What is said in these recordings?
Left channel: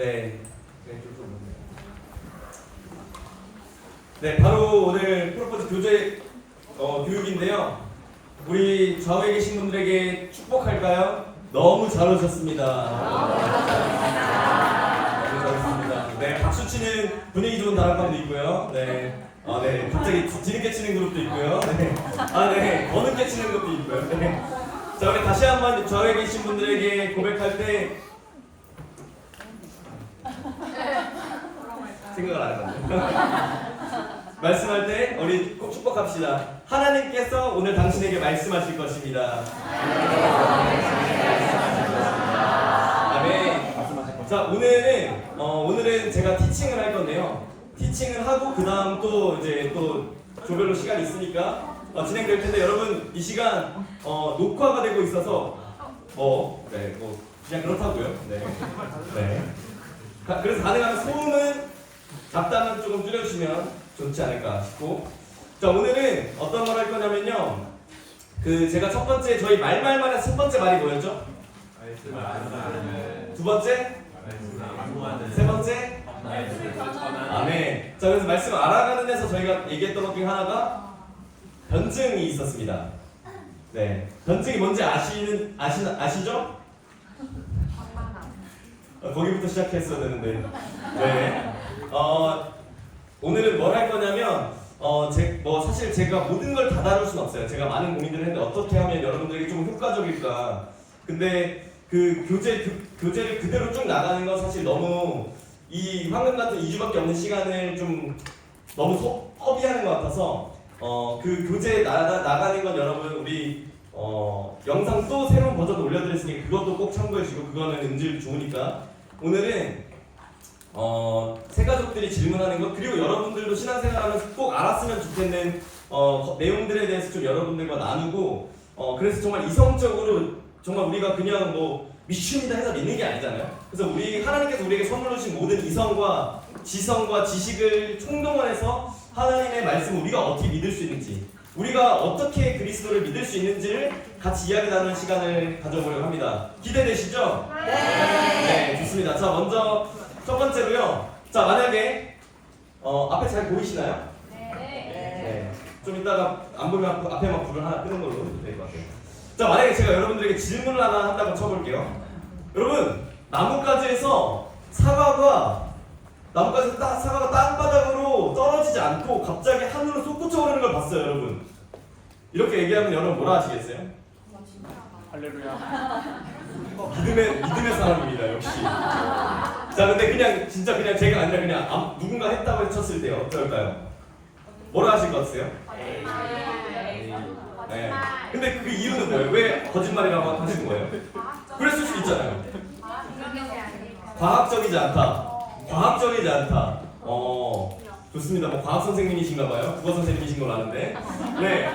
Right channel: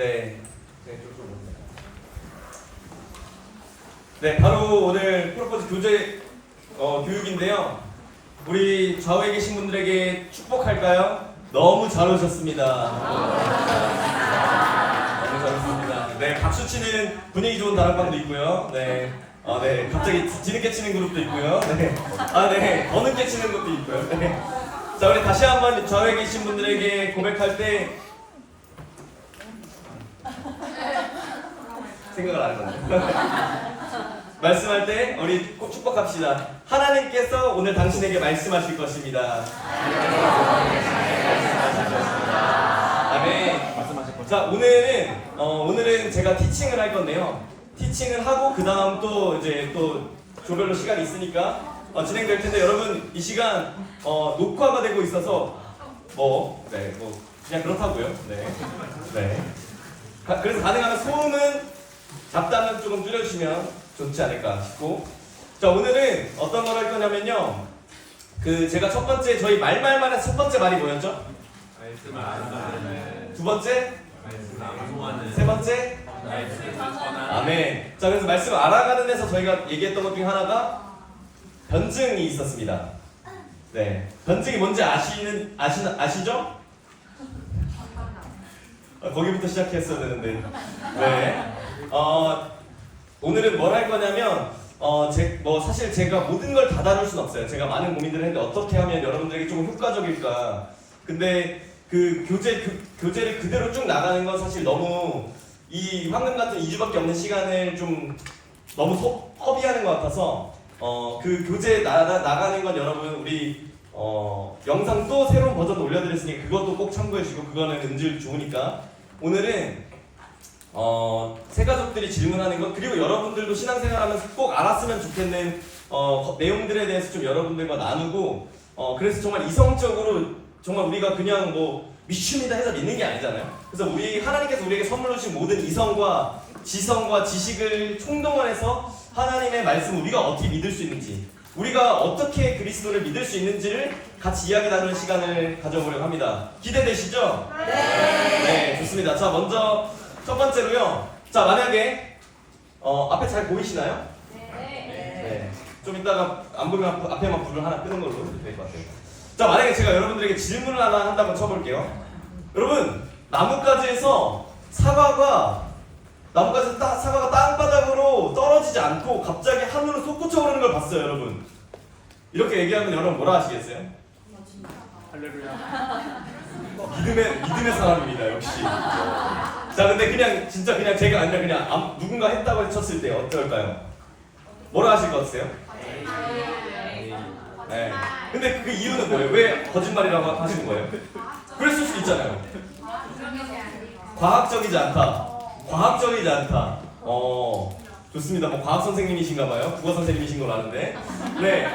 네. 네, 바로 오늘 프로포즈 교재 교육인데요. 우리 좌우에 계신 분들에게 축복할까요? 너무 잘 오셨습니다. 너무 잘 오셨습니다. 네, 박수 치는 분위기 좋은 다락방도 있고요. 네. 네, 갑자기 뒤늦게 치는 그룹도 있고요. 네. 네, 더 늦게 치는 것도 있고요. 네. 자, 우리 다시 한번 좌우에 계신 분들에게 고백할 때 생각을 안 했거든요. 말씀할 때 우리 꼭 축복합시다. 하나님께서 오늘 당신에게 말씀하실 것입니다. 아멘. 자, 오늘은 제가 티칭을 할 건데요. 티칭을 하고 그 다음 또 이제 또 조별로 시간이 있으니까 진행될 텐데 여러분 이 시간 녹화가 되고 있어서 그냥 그렇다고요. 네. 그래서 가능하면 소음은 잡담은 조금 줄여주시면 좋지 않을까 싶고, 자, 오늘은 어떤 걸 할 거냐면요, 제가 첫 번째 저희 말말말의 첫 번째 말이 뭐였죠? 두 번째? 세 번째? 아멘. 자, 그래서 말씀 알아가는 데서 저희가 얘기했던 것 중에 하나가 변증이 있었습니다. 네, 변증이 뭔지 아시죠? 거기부터 시작했어야 되는데. 네. 오늘은 뭘 할 거냐면 사실 제가 모든 걸 다 다룰 수는 없어요. 제가 많은 고민들을 했는데 어떻게 하면 여러분들에게 좀 효과적일까. 근데 그 교재를 그대로 쭉 나가는 건 사실 너무 이 황금 같은 2주밖에 없는 시간을 좀 너무 허비하는 것 같아서 그 교재 나가는 건 여러분 우리 영상 또 새로운 버전 올려드렸으니 그것도 꼭 참고해주시고, 그거는 음질 좋으니까. 오늘은 새 가족들이 질문하는 것, 그리고 여러분들도 신앙생활하면서 꼭 알았으면 좋겠는 내용들에 대해서 좀 여러분들과 나누고, 그래서 정말 이성적으로 정말 우리가 그냥 믿습니다 해서 믿는 게 아니잖아요. 그래서 하나님께서 우리에게 선물로 주신 모든 이성과 지성과 지식을 총동원해서 하나님의 말씀을 우리가 어떻게 믿을 수 있는지, 우리가 어떻게 그리스도를 믿을 수 있는지를 같이 이야기 나누는 시간을 가져보려고 합니다. 기대되시죠? 네, 좋습니다. 자, 먼저 첫 번째로요. 자, 만약에 앞에 잘 보이시나요? 네. 좀 이따가 안 보이면 앞에만 불을 하나 끄는 걸로 될 것 같아요. 자, 만약에 제가 여러분들에게 질문을 하나 한다고 쳐볼게요. 여러분, 나뭇가지에서 사과가 땅바닥으로 떨어지지 않고 갑자기 하늘로 솟구쳐 오르는 걸 봤어요, 여러분. 이렇게 얘기하면 여러분 뭐라 하시겠어요? 할렐루야. 믿음의 사람입니다, 역시. 자, 근데 진짜 제가 아니라 그냥 누군가 했다고 쳤을 때 어떨까요? 뭐라 하실 것 같으세요? 네. 근데 그 이유는 뭐예요? 왜 거짓말이라고 하시는 거예요? 그랬을 수도 있잖아요. 과학적이지 않다. 좋습니다. 과학 선생님이신가 봐요. 국어 선생님이신 걸로 아는데. 네.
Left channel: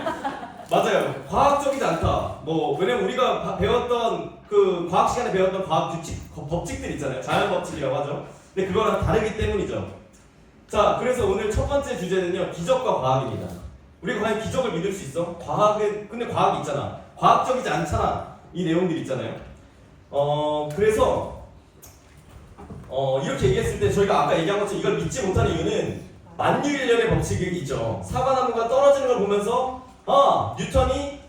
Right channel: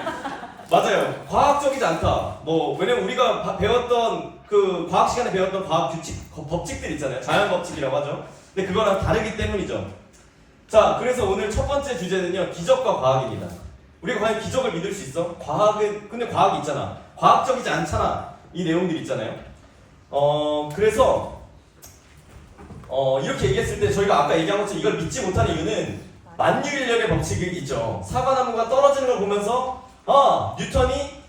맞아요. 과학적이지 않다. 왜냐면 우리가 배웠던 그 과학 시간에 배웠던 과학 법칙들 있잖아요. 자연 법칙이라고 하죠. 근데 그거랑 다르기 때문이죠. 자, 그래서 오늘 첫 번째 주제는요, 기적과 과학입니다. 우리가 과연 기적을 믿을 수 있어? 근데 과학이 있잖아. 과학적이지 않잖아. 이 내용들이 있잖아요. 그래서 이렇게 얘기했을 때 저희가 아까 얘기한 것처럼 이걸 믿지 못하는 이유는 만유인력의 법칙이 있죠. 사과나무가 떨어지는 걸 보면서 뉴턴이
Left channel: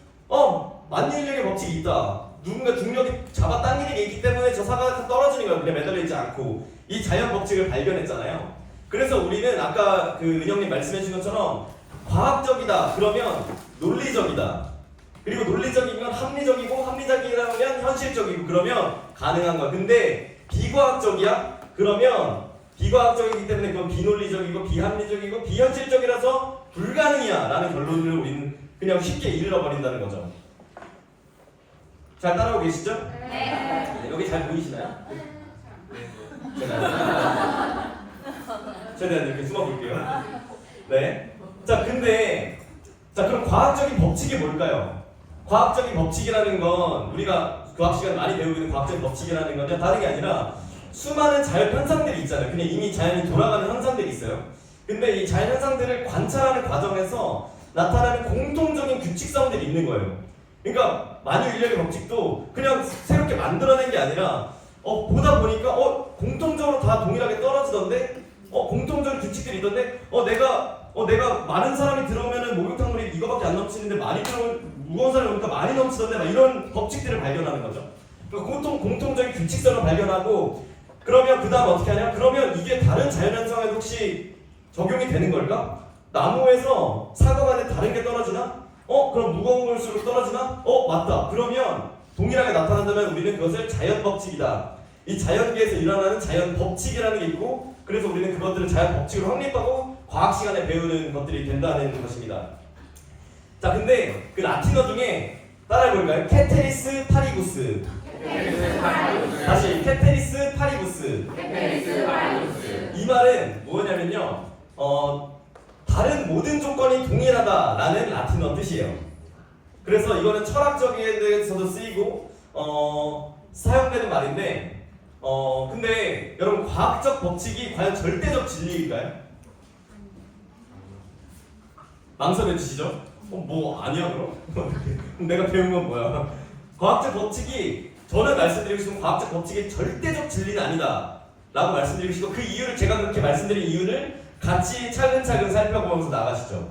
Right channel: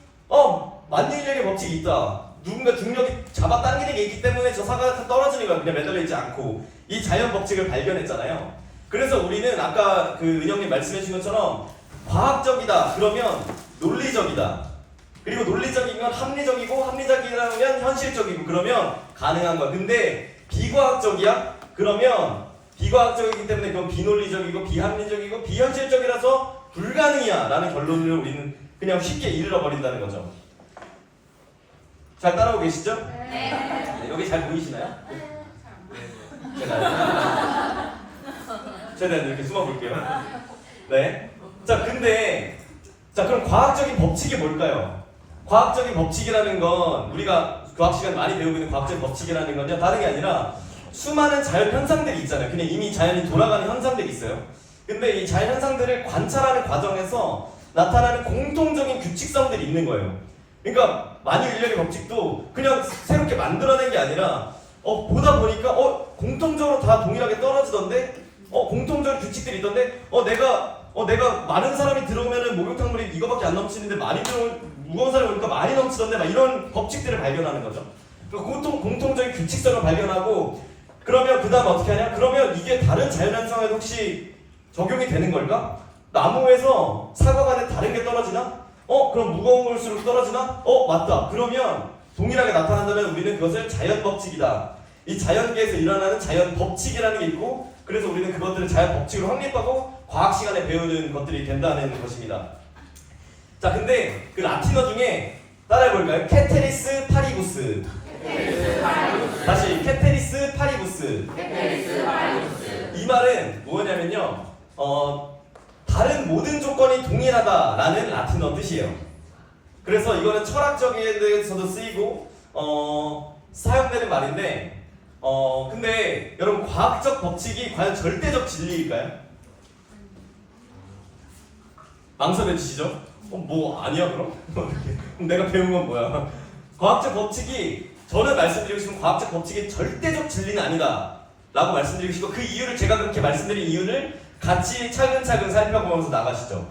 만유인력의 법칙이 있다. 누군가 중력이 잡아당기는 게 있기 때문에 저 사과가 떨어지는 거야. 그냥 매달려 있지 않고. 이 자연 법칙을 발견했잖아요. 그래서 우리는 아까 그 은영님 말씀해 주신 것처럼 과학적이다 그러면 논리적이다. 그리고 논리적이면 합리적이고, 합리적이라면 현실적이고, 그러면 가능한 거야. 근데 비과학적이야? 그러면 비과학적이기 때문에 그건 비논리적이고 비합리적이고 비현실적이라서 불가능이야 라는 결론을 우리는 그냥 쉽게 잃어버린다는 거죠. 잘 따라오고 계시죠? 네. 여기 잘 보이시나요? 최대한 이렇게 숨어볼게요. 네. 자, 그럼 과학적인 법칙이 뭘까요? 과학적인 법칙이라는 건 우리가 과학 시간에 많이 배우고 있는 과학적인 법칙이라는 건요, 다른 게 아니라 수많은 자연 현상들이 있잖아요. 그냥 이미 자연이 돌아가는 현상들이 있어요. 근데 이 자연 현상들을 관찰하는 과정에서 나타나는 공통적인 규칙성들이 있는 거예요. 그러니까 만유인력의 법칙도 그냥 새롭게 만들어낸 게 아니라 보다 보니까 공통적으로 다 동일하게 떨어지던데 공통적인 규칙들이 있던데 내가 많은 사람이 들어오면은 목욕탕물이 이거밖에 안 넘치는데 많이 들어오면 무거운 사람이 오니까 많이 넘치던데 막 이런 법칙들을 발견하는 거죠. 공통적인 규칙성을 발견하고 그러면 그 다음 어떻게 하냐? 그러면 이게 다른 자연현상에도 혹시 적용이 되는 걸까? 나무에서 사과가 다른 게 떨어지나? 그럼 무거울수록 떨어지나? 맞다. 그러면 동일하게 나타난다면 우리는 그것을 자연 법칙이다. 이 자연계에서 일어나는 자연 법칙이라는 게 있고 그래서 우리는 그것들을 자연 법칙으로 확립하고 과학 시간에 배우는 것들이 된다는 것입니다. 자, 근데 그 라틴어 중에 따라해볼까요? 케테리스 파리부스. 다시 케테리스 파리부스. 이 말은 뭐냐면요, 다른 모든 조건이 동일하다라는 라틴어 뜻이에요. 그래서 이거는 철학적인 데서도 쓰이고 사용되는 말인데 근데 여러분 과학적 법칙이 과연 절대적 진리일까요? 망설여 주시죠? 뭐 아니야 그럼? 내가 배운 건 뭐야? 과학적 법칙이 저는 말씀드리고 싶은 과학적 법칙이 절대적 진리는 아니다 라고 말씀드리고 싶고 그 이유를 제가 그렇게 말씀드린 이유를 같이 차근차근 살펴보면서 나가시죠.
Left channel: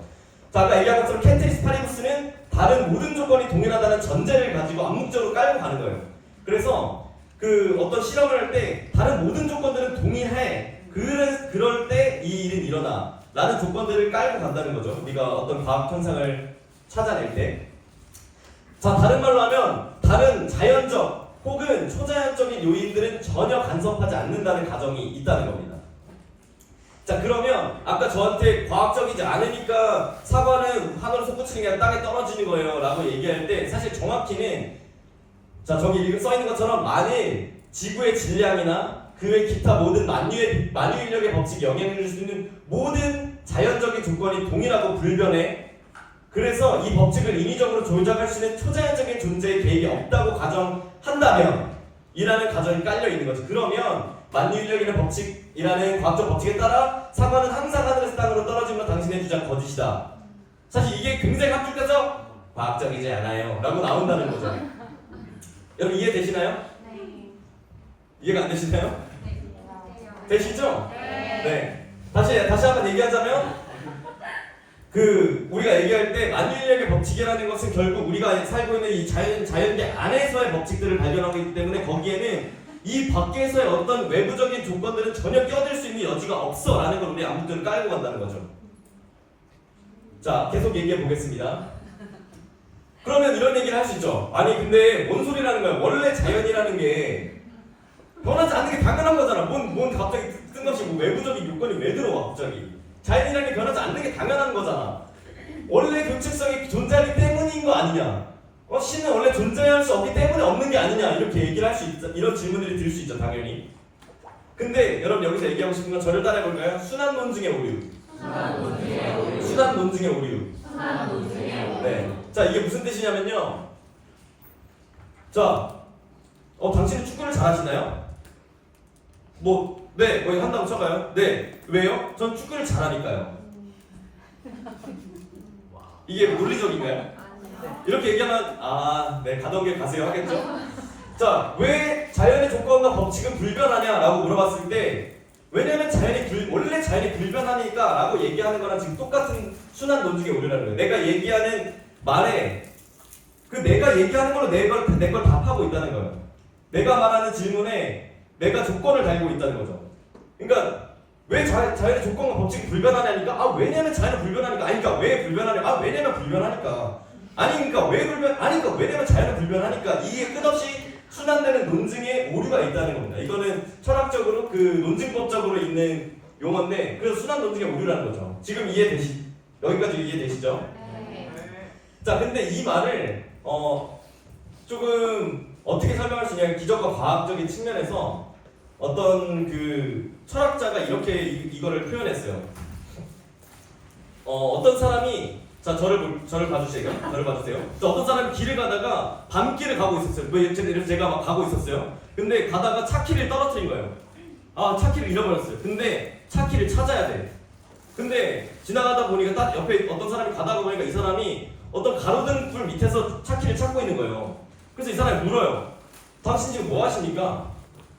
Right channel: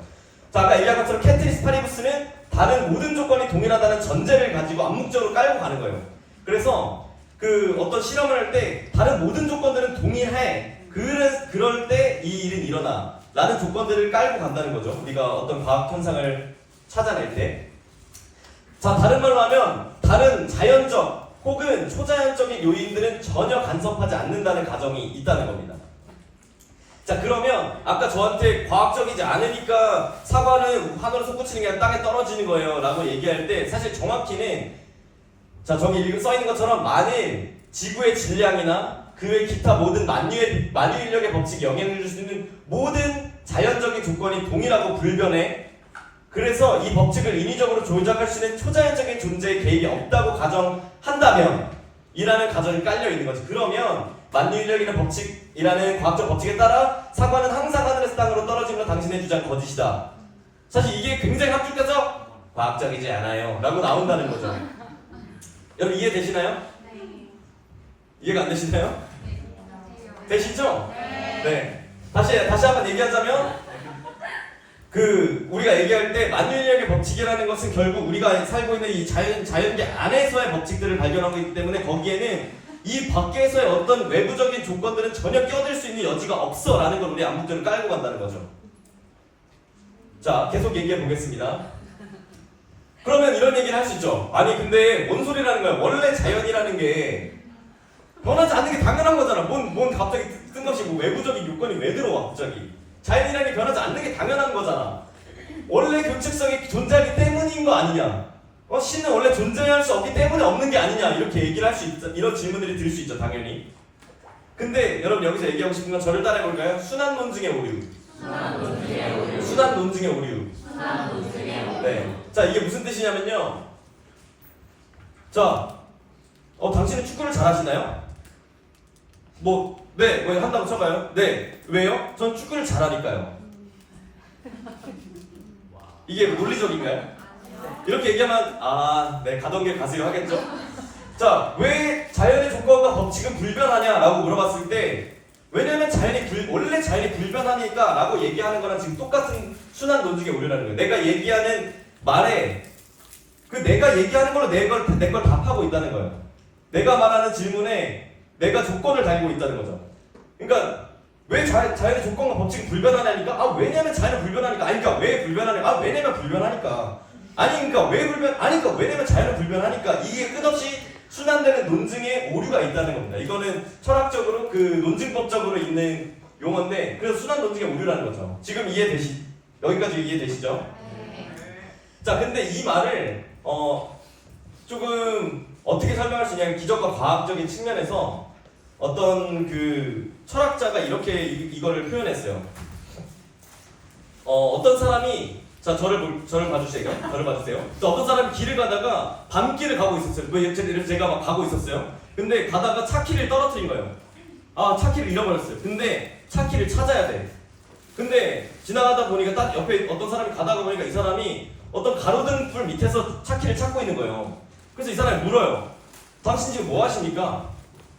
자, 아까 얘기한 것처럼 케테리스 파리부스는 다른 모든 조건이 동일하다는 전제를 가지고 암묵적으로 깔고 가는 거예요. 그래서 그 어떤 실험을 할 때 다른 모든 조건들은 동일해. 그럴 때 이 일은 일어나 라는 조건들을 깔고 간다는 거죠. 우리가 어떤 과학 현상을 찾아낼 때. 자, 다른 말로 하면 다른 자연적 혹은 초자연적인 요인들은 전혀 간섭하지 않는다는 가정이 있다는 겁니다. 자, 그러면 아까 저한테 과학적이지 않으니까 사과는 하늘로 솟구치는 게 아니라 땅에 떨어지는 거예요 라고 얘기할 때 사실 정확히는 자, 저기 써있는 것처럼 만일 지구의 질량이나 그 외 기타 모든 만유인력의 법칙이 영향을 줄 수 있는 모든 자연적인 조건이 동일하고 불변해. 그래서 이 법칙을 인위적으로 조작할 수 있는 초자연적인 존재의 개입이 없다고 가정한다면 이라는 가정이 깔려 있는 거죠. 그러면 만유인력이라는 법칙이라는 과학적 법칙에 따라 사과는 항상 하늘에서 땅으로 떨어진 건 당신의 주장 거짓이다. 사실 이게 굉장히 합리적이죠? 과학적이지 않아요 라고 나온다는 거죠. 여러분 이해되시나요? 네. 이해가 안 되시나요? 되시죠? 네. 다시 한번 얘기하자면 우리가 얘기할 때 만유인력의 법칙이라는 것은 결국 우리가 살고 있는 이 자연계 안에서의 법칙들을 발견하고 있기 때문에 거기에는 이 밖에서의 어떤 외부적인 조건들은 전혀 끼어들 수 있는 여지가 없어 라는 걸 우리 암묵적으로 깔고 간다는 거죠. 자, 계속 얘기해 보겠습니다. 그러면 이런 얘기를 할 수 있죠. 아니 근데 뭔 소리라는 거야. 원래 자연이라는 게 변하지 않는 게 당연한 거잖아. 뭔 갑자기 뜬금없이 뭐 외부적인 요건이 왜 들어와 갑자기. 자연이라는 게 변하지 않는 게 당연한 거잖아. 원래 규칙성이 존재하기 때문인 거 아니냐. 신은 원래 존재할 수 없기 때문에 없는 게 아니냐. 이렇게 얘기를 할 수 있죠. 이런 질문들이 들 수 있죠. 당연히. 근데 여러분 여기서 얘기하고 싶은 건 저를 따라해 볼까요? 순환 논증의 오류. 순환 논증의 오류. 네. 자, 이게 무슨 뜻이냐면요. 자, 당신은 축구를 잘하시나요? 네, 뭐 한다고 쳐봐요. 네, 왜요? 전 축구를 잘하니까요. 이게 논리적인가요? 이렇게 얘기하면 네, 가던 길 가세요 하겠죠? 자, 왜 자연의 조건과 법칙은 불변하냐라고 물어봤을 때 왜냐면 원래 자연이 불변하니까 라고 얘기하는 거랑 지금 똑같은 순환 논증의 오류라는 거예요. 내가 얘기하는 말에 내가 얘기하는 걸로 내 걸 답하고 있다는 거예요. 내가 말하는 질문에 내가 조건을 달고 있다는 거죠. 그러니까 왜 자연의 조건과 법칙이 불변하냐니까 왜냐면 자연은 불변하니까 아니니까 왜 불변하냐 왜냐면 불변하니까 아니니까 왜 아니니까 왜냐면 자연은 불변하니까 이게 끝없이 순환되는 논증의 오류가 있다는 겁니다. 이거는 철학적으로 논증법적으로 있는 용어인데 그래서 순환 논증의 오류라는 거죠. 지금 여기까지 이해되시죠? 네. 자, 근데 이 말을 조금 어떻게 설명할 수 있냐면 기적과 과학적인 측면에서 어떤 철학자가 이렇게 이거를 표현했어요. 어떤 사람이 저를 봐주세요. 어떤 사람이 길을 가다가 밤길을 가고 있었어요. 이래서 제가 막 가고 있었어요. 근데 가다가 차키를 떨어뜨린 거예요. 차키를 잃어버렸어요. 근데 차키를 찾아야 돼. 근데 지나가다 보니까 딱 옆에 어떤 사람이 가다가 보니까 이 사람이 어떤 가로등불 밑에서 차키를 찾고 있는 거예요. 그래서 이 사람이 물어요. 당신 지금 뭐 하십니까?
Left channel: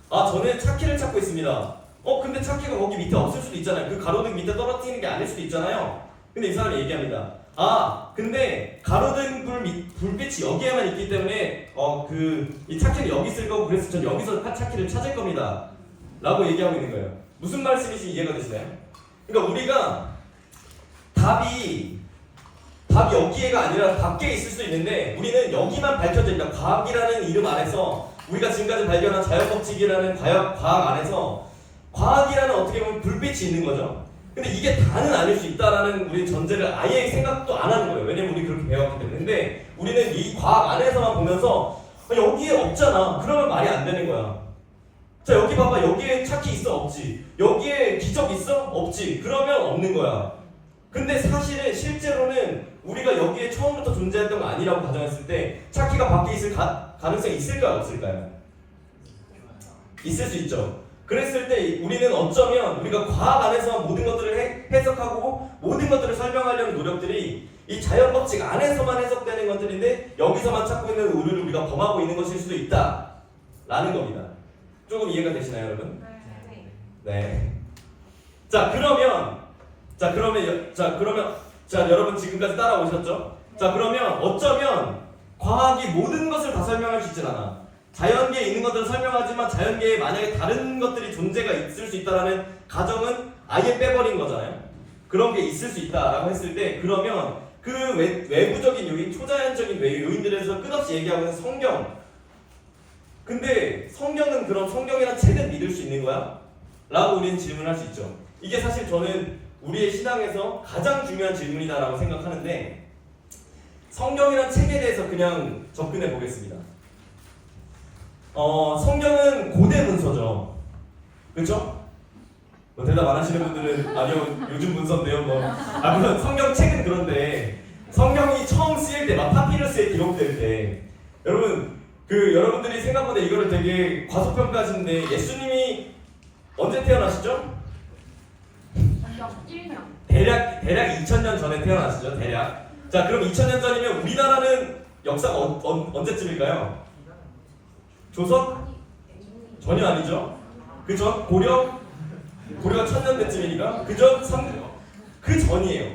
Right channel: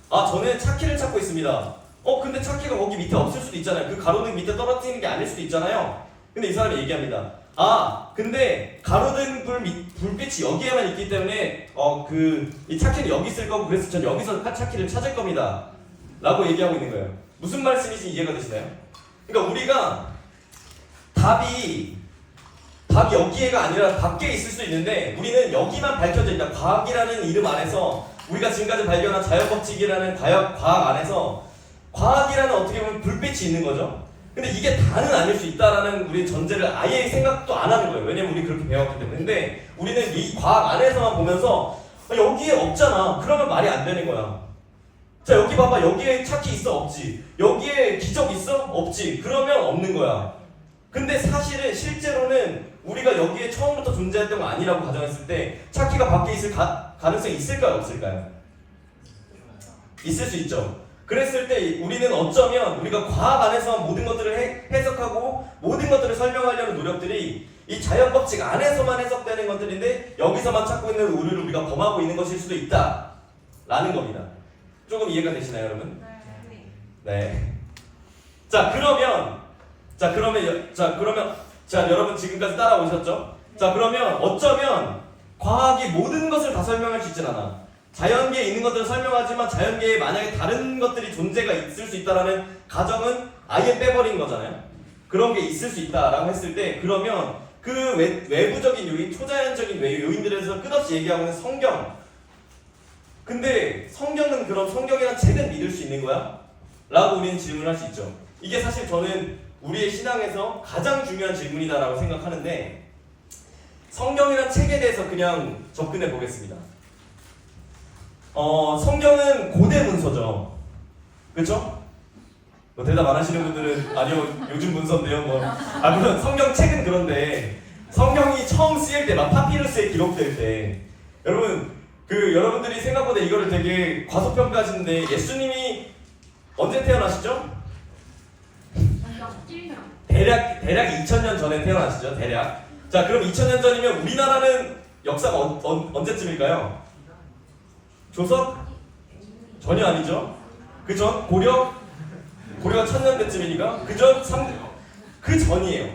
아, 저는 차키를 찾고 있습니다. 근데 차키가 거기 밑에 없을 수도 있잖아요. 그 가로등 밑에 떨어뜨리는 게 아닐 수도 있잖아요. 근데 이 사람이 얘기합니다. 아, 근데 가로등 불빛이 여기에만 있기 때문에 이 차키는 여기 있을 거고, 그래서 전 여기서 차키를 찾을 겁니다. 라고 얘기하고 있는 거예요. 무슨 말씀인지 이해가 되시나요? 그러니까 우리가 답이 여기에가 아니라 밖에 있을 수 있는데, 우리는 여기만 밝혀져 있다. 과학이라는 이름 안에서, 우리가 지금까지 발견한 자연법칙이라는 과학 안에서 과학이라는 어떻게 보면 불빛이 있는 거죠. 근데 이게 다는 아닐 수 있다라는 우리 전제를 아예 생각도 안 하는 거예요. 왜냐면 우리 그렇게 배웠기 때문에. 근데 우리는 이 과학 안에서만 보면서 여기에 없잖아. 그러면 말이 안 되는 거야. 자, 여기 봐봐. 여기에 차키 있어? 없지. 여기에 기적 있어? 없지. 그러면 없는 거야. 근데 사실은 실제로는 우리가 여기에 처음부터 존재했던 거 아니라고 가정했을 때 차키가 밖에 있을 가능성이 있을까요? 없을까요? 있을 수 있죠. 그랬을 때 우리는 어쩌면 우리가 과학 안에서 모든 것들을 해석하고 모든 것들을 설명하려는 노력들이 이 자연법칙 안에서만 해석되는 것들인데, 여기서만 찾고 있는 오류를 우리가 범하고 있는 것일 수도 있다 라는 겁니다. 조금 이해가 되시나요, 여러분? 네. 자, 그러면 여러분 지금까지 따라오셨죠? 자, 그러면 어쩌면 과학이 모든 것을 다 설명할 수 있진 않아. 자연계에 있는 것들을 설명하지만 자연계에 만약에 다른 것들이 존재가 있을 수 있다라는 가정은 아예 빼버린 거잖아요. 그런 게 있을 수 있다라고 했을 때, 그러면 그 외부적인 요인, 초자연적인 요인들에서 끝없이 얘기하고 있는 성경. 근데 성경은 그럼 성경이란 책은 믿을 수 있는 거야? 라고 우리는 질문할 수 있죠. 이게 사실 저는 우리의 신앙에서 가장 중요한 질문이다라고 생각하는데, 성경이란 책에 대해서 그냥 접근해 보겠습니다. 성경은 고대 문서죠. 그렇죠? 대답 안 하시는 분들은 아니요, 요즘 문서인데요. 물론 성경 책은 그런데 성경이 처음 쓰일 때, 막 파피루스에 기록될 때, 여러분들이 생각보다 이거를 되게 과소평가하시는데, 예수님이 언제 태어나시죠? 대략 2000년 전에 태어나시죠. 대략. 자, 그럼 2000년 전이면 우리나라는 역사가 언제쯤일까요? 조선? 전혀 아니죠. 그 전? 고려가 1000년대쯤이니까 그 전이에요.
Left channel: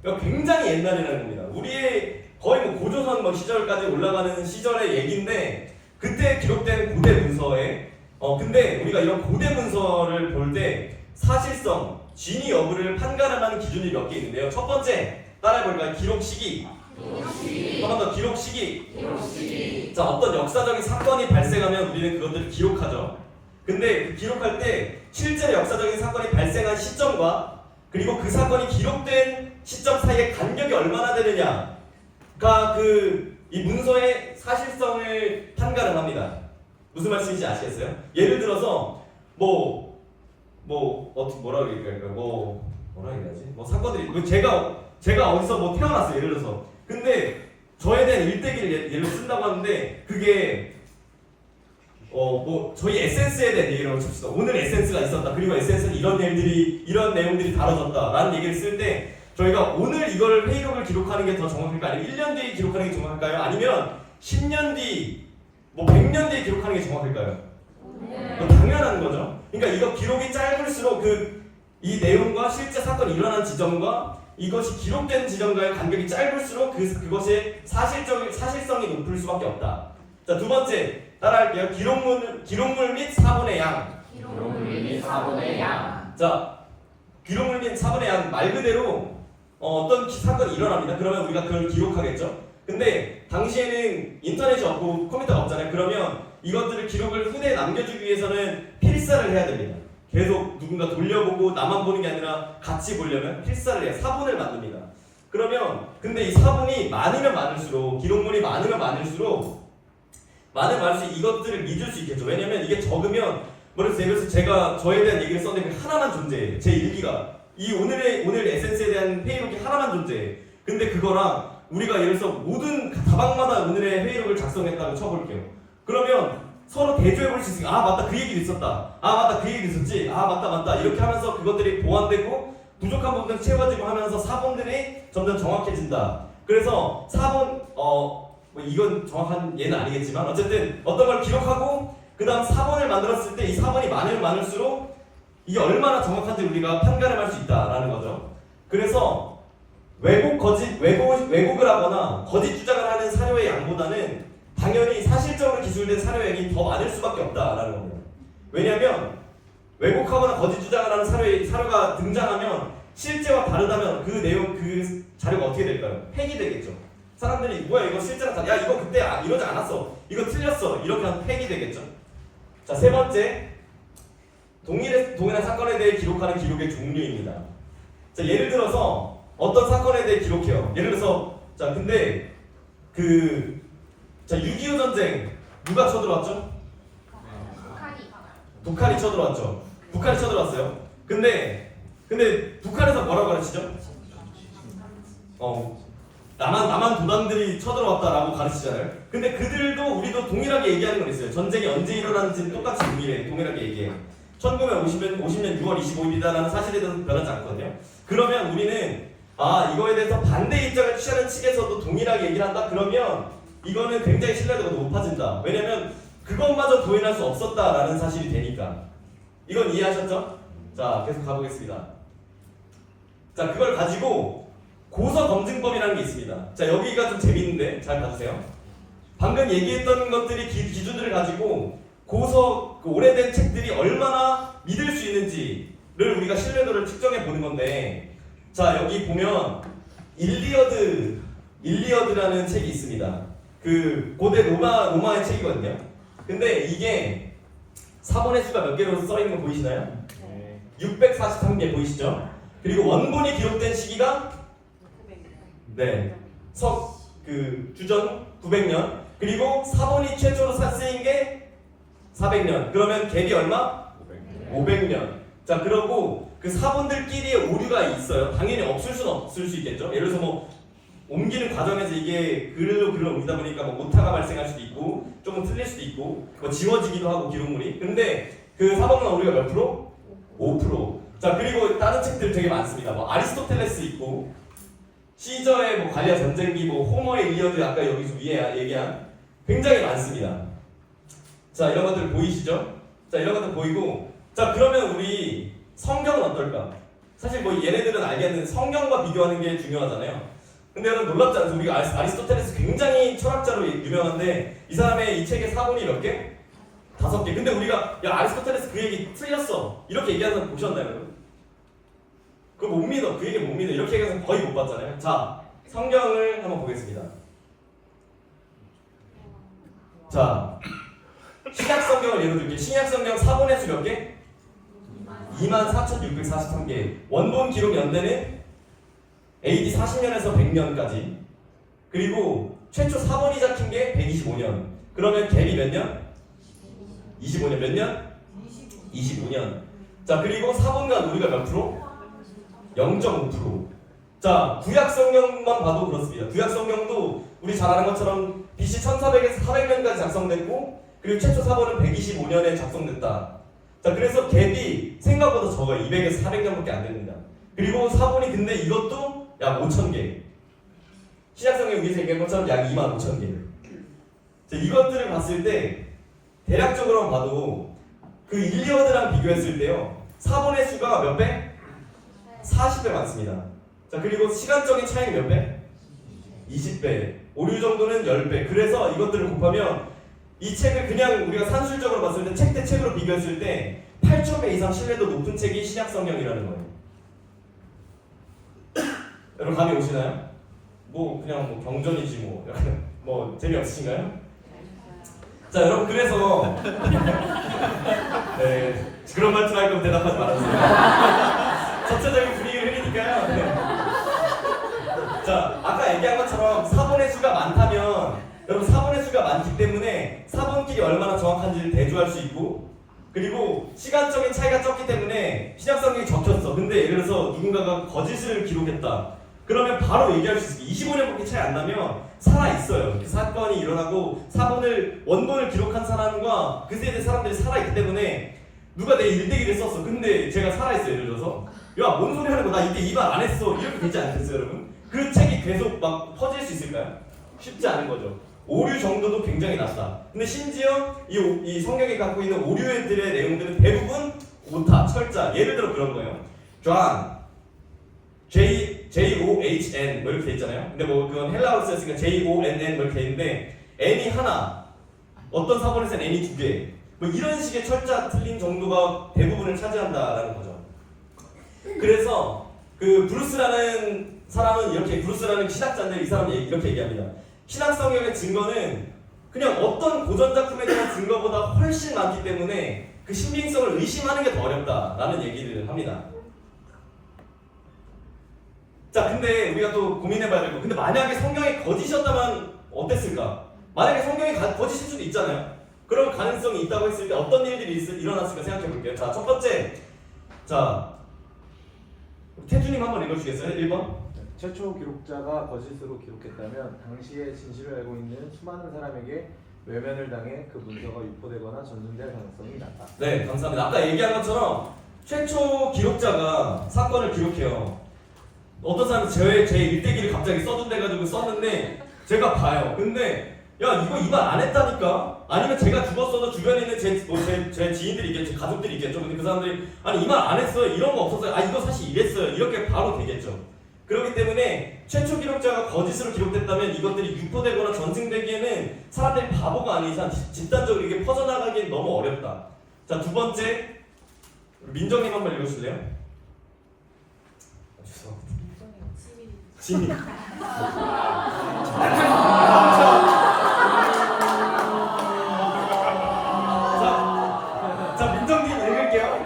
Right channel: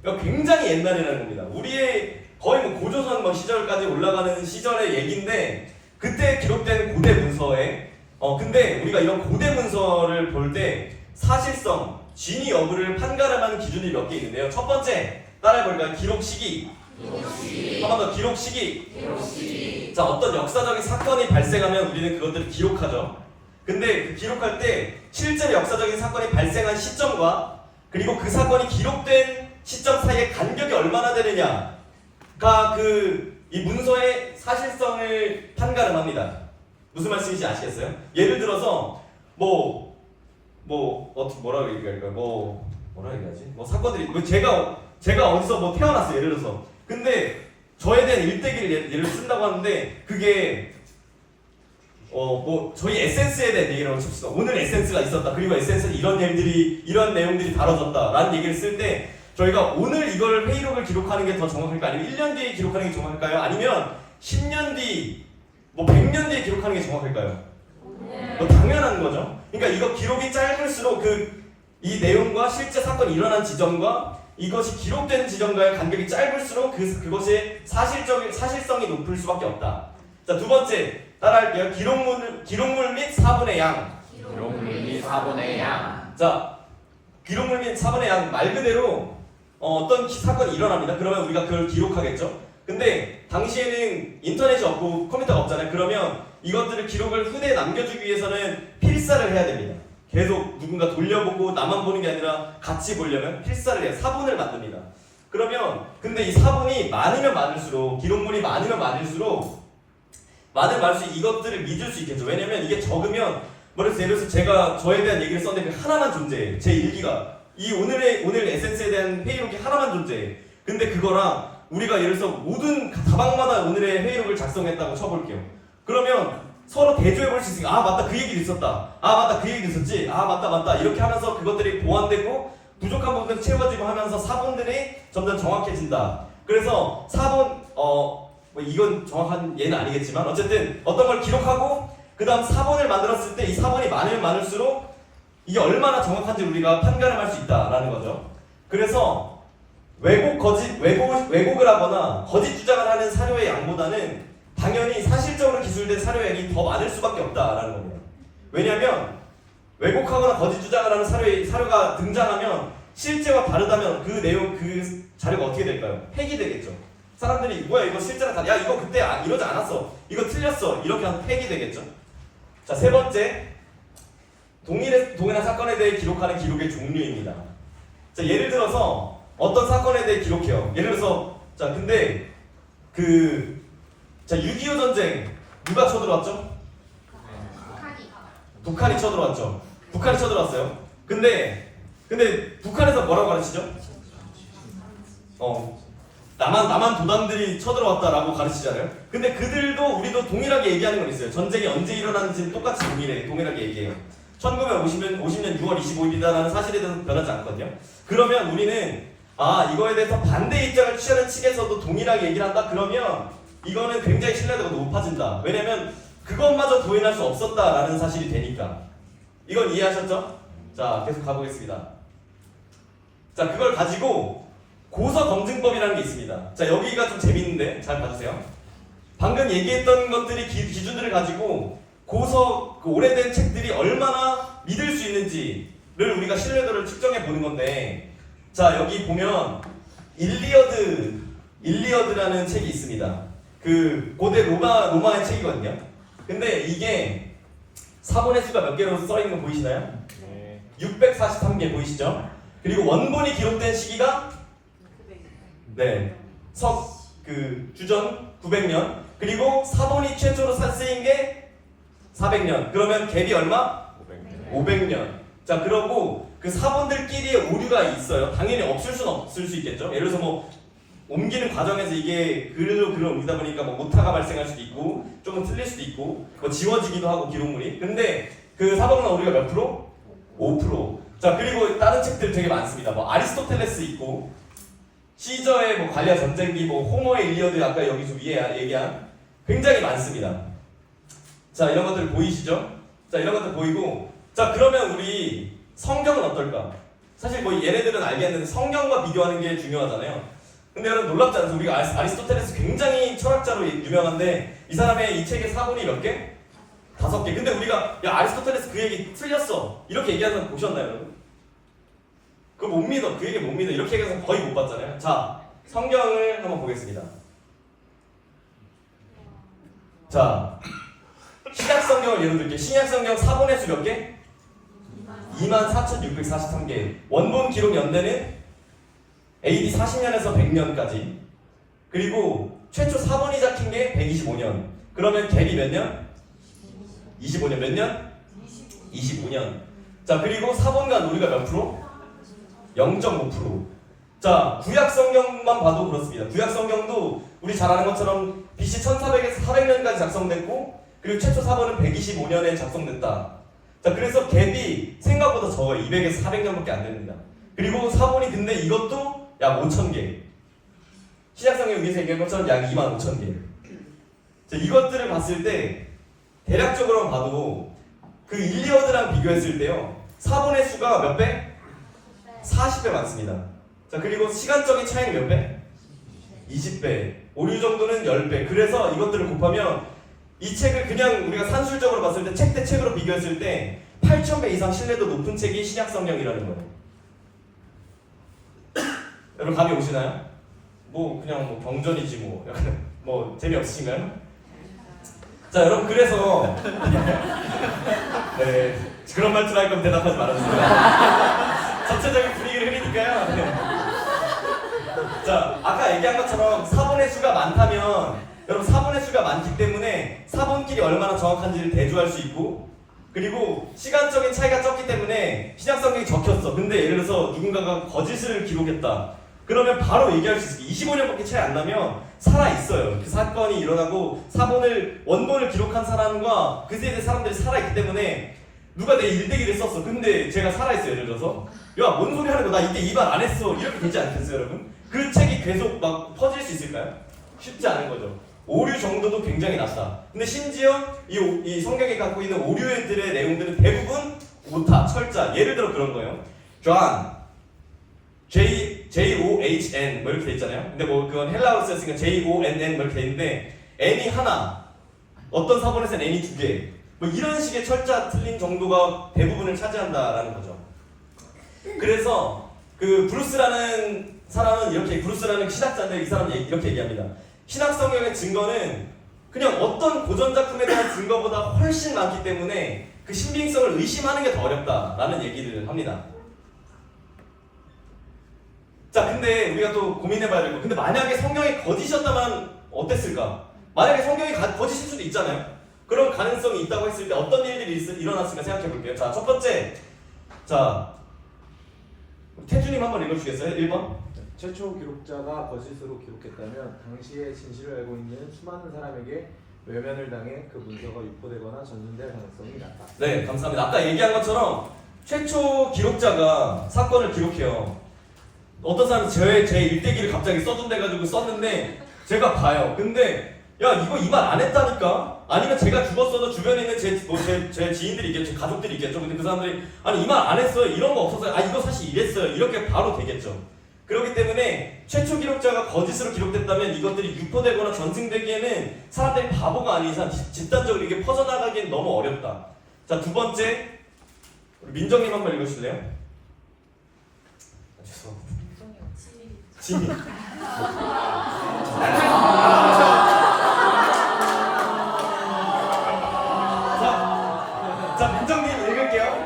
그러니까 굉장히 옛날이라는 겁니다. 우리의 거의 고조선 시절까지 올라가는 시절의 얘기인데, 그때 기록된 고대 문서에 근데 우리가 이런 고대 문서를 볼 때 사실성, 진위 여부를 판가름하는 기준이 몇 개 있는데요. 첫 번째, 따라해볼까요? 기록 시기. 한 번 더, 기록 시기. 자, 어떤 역사적인 사건이 발생하면 우리는 그것들을 기록하죠. 근데 그 기록할 때 실제로 역사적인 사건이 발생한 시점과 그리고 그 사건이 기록된 시점 사이의 간격이 얼마나 되느냐가 이 문서의 사실성을 판가름합니다. 무슨 말씀인지 아시겠어요? 예를 들어서 뭐라고 얘기할까요? 뭐라 얘기하지? 사건들이 제가 어디서 태어났어요. 예를 들어서. 근데 저에 대한 일대기를 예를 쓴다고 하는데, 그게 저희 에센스에 대한 얘기라고 칩시다. 오늘 에센스가 있었다. 그리고 에센스는 이런 내용들이 다뤄졌다 라는 얘기를 쓸 때, 저희가 오늘 이걸 회의록을 기록하는 게 더 정확할까요? 아니면 1년 뒤에 기록하는 게 정확할까요? 아니면 10년 뒤, 100년 뒤에 기록하는 게 정확할까요? 당연한 거죠. 그러니까 이거 기록이 짧을수록 이 내용과 실제 사건이 일어난 지점과 이것이 기록된 지점과의 간격이 짧을수록 그것의 사실성이 높을 수밖에 없다. 자, 두 번째, 따라할게요. 기록물 및 사본의 양. 자, 기록물 및 사본의 양, 말 그대로 어떤 사건이 일어납니다. 그러면 우리가 그걸 기록하겠죠. 근데 당시에는 인터넷이 없고 컴퓨터가 없잖아요. 그러면 이것들을 기록을 후대에 남겨주기 위해서는 필사를 해야 됩니다. 계속 누군가 돌려보고 나만 보는 게 아니라 같이 보려면 필사를 해요. 사본을 만듭니다. 그러면 근데 이 사본이 많으면 많을수록, 기록물이 많으면 많을수록 이것들을 믿을 수 있겠죠. 왜냐면 이게 적으면, 예를 들어서 제가 저에 대한 얘기를 썼는데 그 하나만 존재해요. 제 일기가. 오늘 에센스에 대한 회의록이 하나만 존재해. 근데 그거랑 우리가 예를 들어서 모든 다방마다 오늘의 회의록을 작성했다고 쳐볼게요. 그러면 서로 대조해 볼 수 있으니까, 아 맞다, 그 얘기도 있었다. 아 맞다, 그 얘기도 있었지. 아 맞다. 이렇게 하면서 그것들이 보완되고 부족한 부분을 채워지고 하면서 사본들이 점점 정확해진다. 그래서 사본, 이건 정확한 예는 아니겠지만 어쨌든 어떤 걸 기록하고 그 다음 4번을 만들었을 때 이 4번이 많으면 많을수록 이게 얼마나 정확한지 우리가 판가름할 수 있다라는 거죠. 그래서 왜곡을 하거나 거짓 주장을 하는 사료의 양보다는 당연히 사실적으로 기술된 사료의 양이 더 많을 수밖에 없다라는 겁니다. 왜냐하면 왜곡하거나 거짓 주장을 하는 사료가 등장하면 실제와 다르다면 그 내용, 그 자료가 어떻게 될까요? 폐기되겠죠. 사람들이 뭐야 이거 실제랑 야 이거 그때 이러지 않았어, 이거 틀렸어, 이렇게 하면 폐기되겠죠. 자, 세 번째, 동일한 사건에 대해 기록하는 기록의 종류입니다. 자, 예를 들어서 어떤 사건에 대해 기록해요. 예를 들어서 근데 6.25 전쟁 누가 쳐들어왔죠? 북한이 쳐들어왔죠. 북한이 쳐들어왔어요. 근데 북한에서 뭐라고 가르치죠? 남한 도단들이 쳐들어왔다라고 가르치잖아요. 근데 그들도 우리도 동일하게 얘기하는 건 있어요. 전쟁이 언제 일어났는지는 똑같이 동일하게 얘기해요. 1950년 6월 25일이다라는 사실에 대해서 변하지 않거든요. 그러면 우리는 이거에 대해서 반대 입장을 취하는 측에서도 동일하게 얘기를 한다? 그러면 이거는 굉장히 신뢰도가 높아진다. 왜냐면 그것마저 부인할 수 없었다라는 사실이 되니까. 이건 이해하셨죠? 자, 계속 가보겠습니다. 자, 그걸 가지고 고서검증법이라는 게 있습니다. 자, 여기가 좀 재밌는데 잘 봐주세요. 방금 얘기했던 것들이 기준들을 가지고 오래된 책들이 얼마나 믿을 수 있는지를 우리가 신뢰도를 측정해 보는 건데, 자, 여기 보면 일리어드라는 책이 있습니다. 그 고대 로마의 책이거든요. 근데 이게 사본의 수가 몇 개로 써 있는 거 보이시나요? 네. 643개 보이시죠? 그리고 원본이 기록된 시기가 주전 900년, 그리고 사본이 최초로 쓰인 게 400년. 그러면 갭이 얼마? 500년. 자, 그러고 그 사본들끼리의 오류가 있어요. 당연히 없을 수는 없을 수 있겠죠. 예를 들어서 뭐 옮기는 과정에서 이게 글로 옮기다 보니까 뭐 오타가 발생할 수도 있고 조금 틀릴 수도 있고 뭐 지워지기도 하고 기록물이. 근데 그 사본만 오류가 몇 프로? 5%. 자, 그리고 다른 책들 되게 많습니다. 뭐 아리스토텔레스 있고 시저의 뭐 관리와 전쟁기, 뭐 호모의 일리어드 아까 여기서 위에 얘기한 굉장히 많습니다. 자, 이런 것들 보이시죠? 자, 이런 것들 보이고, 자, 그러면 우리 성경은 어떨까? 사실 뭐 얘네들은 알겠는데 성경과 비교하는 게 중요하잖아요. 근데 여러분 놀랍지 않아요? 우리가 아리스토텔레스 굉장히 철학자로 유명한데 이 사람의 이 책의 사본이 몇 개? 5개. 근데 우리가 야 아리스토텔레스 그 얘기 틀렸어 이렇게 얘기하는 사람 보셨나요, 여러분? 그거 못 믿어. 그 얘기 못 믿어. 이렇게 얘기해서 거의 못 봤잖아요. 자, 성경을 한번 보겠습니다. 자, 신약성경을 예로 들게요. 신약성경 사본의 수 몇 개? 24,643개. 원본 기록 연대는 AD 40년에서 100년까지. 그리고 최초 사본이 잡힌 게 125년. 그러면 갭이 몇 년? 25년. 몇 년? 25년. 자, 그리고 사본간 우리가 몇 프로? 0.5%. 자, 구약성경만 봐도 그렇습니다. 구약성경도 우리 잘 아는 것처럼 BC 1400에서 400년까지 작성됐고, 그리고 최초 사본은 125년에 작성됐다. 자, 그래서 갭이 생각보다 적어요. 200에서 400년밖에 안 됩니다. 그리고 사본이 근데 이것도 약 5,000개. 신약성경 위에서 얘기한 것처럼 약 25,000개. 자, 이것들을 봤을 때 대략적으로만 봐도 그 일리어드랑 비교했을 때요, 사본의 수가 몇 배? 40배 많습니다. 자, 그리고 시간적인 차이는 몇 배? 20배. 오류 정도는 10배. 그래서 이것들을 곱하면 이 책을 그냥 우리가 산술적으로 봤을 때 책 대 책으로 비교했을 때 8,000배 이상 신뢰도 높은 책이 신약성경이라는 거예요. 여러분 감이 오시나요? 뭐 그냥 뭐 경전이지 뭐 약간 뭐 재미없으신가요? 자, 여러분 그래서 네, 그런 말투를 할 거면 대답하지 말아주세요. 전체적인 분위기를 흐리니까요. 네. 자, 아까 얘기한 것처럼 사본의 수가 많다면 여러분 사본의 수가 많기 때문에 사본끼리 얼마나 정확한지를 대조할 수 있고, 그리고 시간적인 차이가 적기 때문에 신약성경이 적혔어. 근데 예를 들어서 누군가가 거짓을 기록했다. 그러면 바로 얘기할 수 있어요. 25년밖에 차이 안 나면 살아있어요. 그 사건이 일어나고 원본을 기록한 사람과 그 세대 사람들이 살아있기 때문에 누가 내 일대기를 썼어. 근데 제가 살아있어요. 예를 들어서 야, 뭔 소리 하는 거, 나 이때 이 말 안 했어. 이렇게 되지 않겠어요, 여러분? 그 책이 계속 막 퍼질 수 있을까요? 쉽지 않은 거죠. 오류 정도도 굉장히 낮다. 근데 심지어 이 성경이 갖고 있는 오류들의 내용들은 대부분 오타, 철자. 예를 들어 그런 거예요. John, J-O-H-N 뭐 이렇게 돼 있잖아요. 근데 뭐 그건 헬라어로 쓰였으니까 J-O-N-N 뭐 이렇게 돼 있는데 N이 하나, 어떤 사본에서는 N이 두 개. 뭐 이런 식의 철자 틀린 정도가 대부분을 차지한다라는 거죠. 그래서 그 브루스라는 사람은 이렇게, 브루스라는 신학자인데 이 사람은 이렇게 얘기합니다. 신학 성경의 증거는 그냥 어떤 고전 작품에 대한 증거보다 훨씬 많기 때문에 그 신빙성을 의심하는 게 더 어렵다라는 얘기를 합니다. 자, 근데 우리가 또 고민해봐야 되고, 근데 만약에 성경이 거짓이었다면 어땠을까? 만약에 성경이 거짓일 수도 있잖아요. 그런 가능성이 있다고 했을 때 어떤 일들이 일어났을까 생각해 볼게요. 자, 첫 번째, 자 태주님 한번 읽어주시겠어요? 1번. 최초 기록자가 거짓으로 기록했다면 당시의 진실을 알고 있는 수많은 사람에게 외면을 당해 그 문서가 유포되거나 전sun될 가능성이 낮다. 네, 감사합니다. 아까 얘기한 것처럼 최초 기록자가 사건을 기록해요. 어떤 사람은 제 일대기를 갑자기 써둔대가지고 썼는데 제가 봐요. 근데 야, 이거 이 말 안 했다니까? 아니면 제가 죽었어도 주변에 있는 제 지인들이 있겠죠, 제 가족들이 있겠죠. 근데 그 사람들이 아니 이 말 안 했어요, 이런 거 없었어요, 아 이거 사실 이랬어요, 이렇게 바로 되겠죠. 그렇기 때문에 최초 기록자가 거짓으로 기록됐다면 이것들이 유포되거나 전승되기에는 사람들이 바보가 아닌 이상 집단적으로 이게 퍼져나가기엔 너무 어렵다. 자, 두 번째, 우리 민정님 한번 읽어주실래요? 죄송합니다. 진이. 자, 민정님 읽을게요.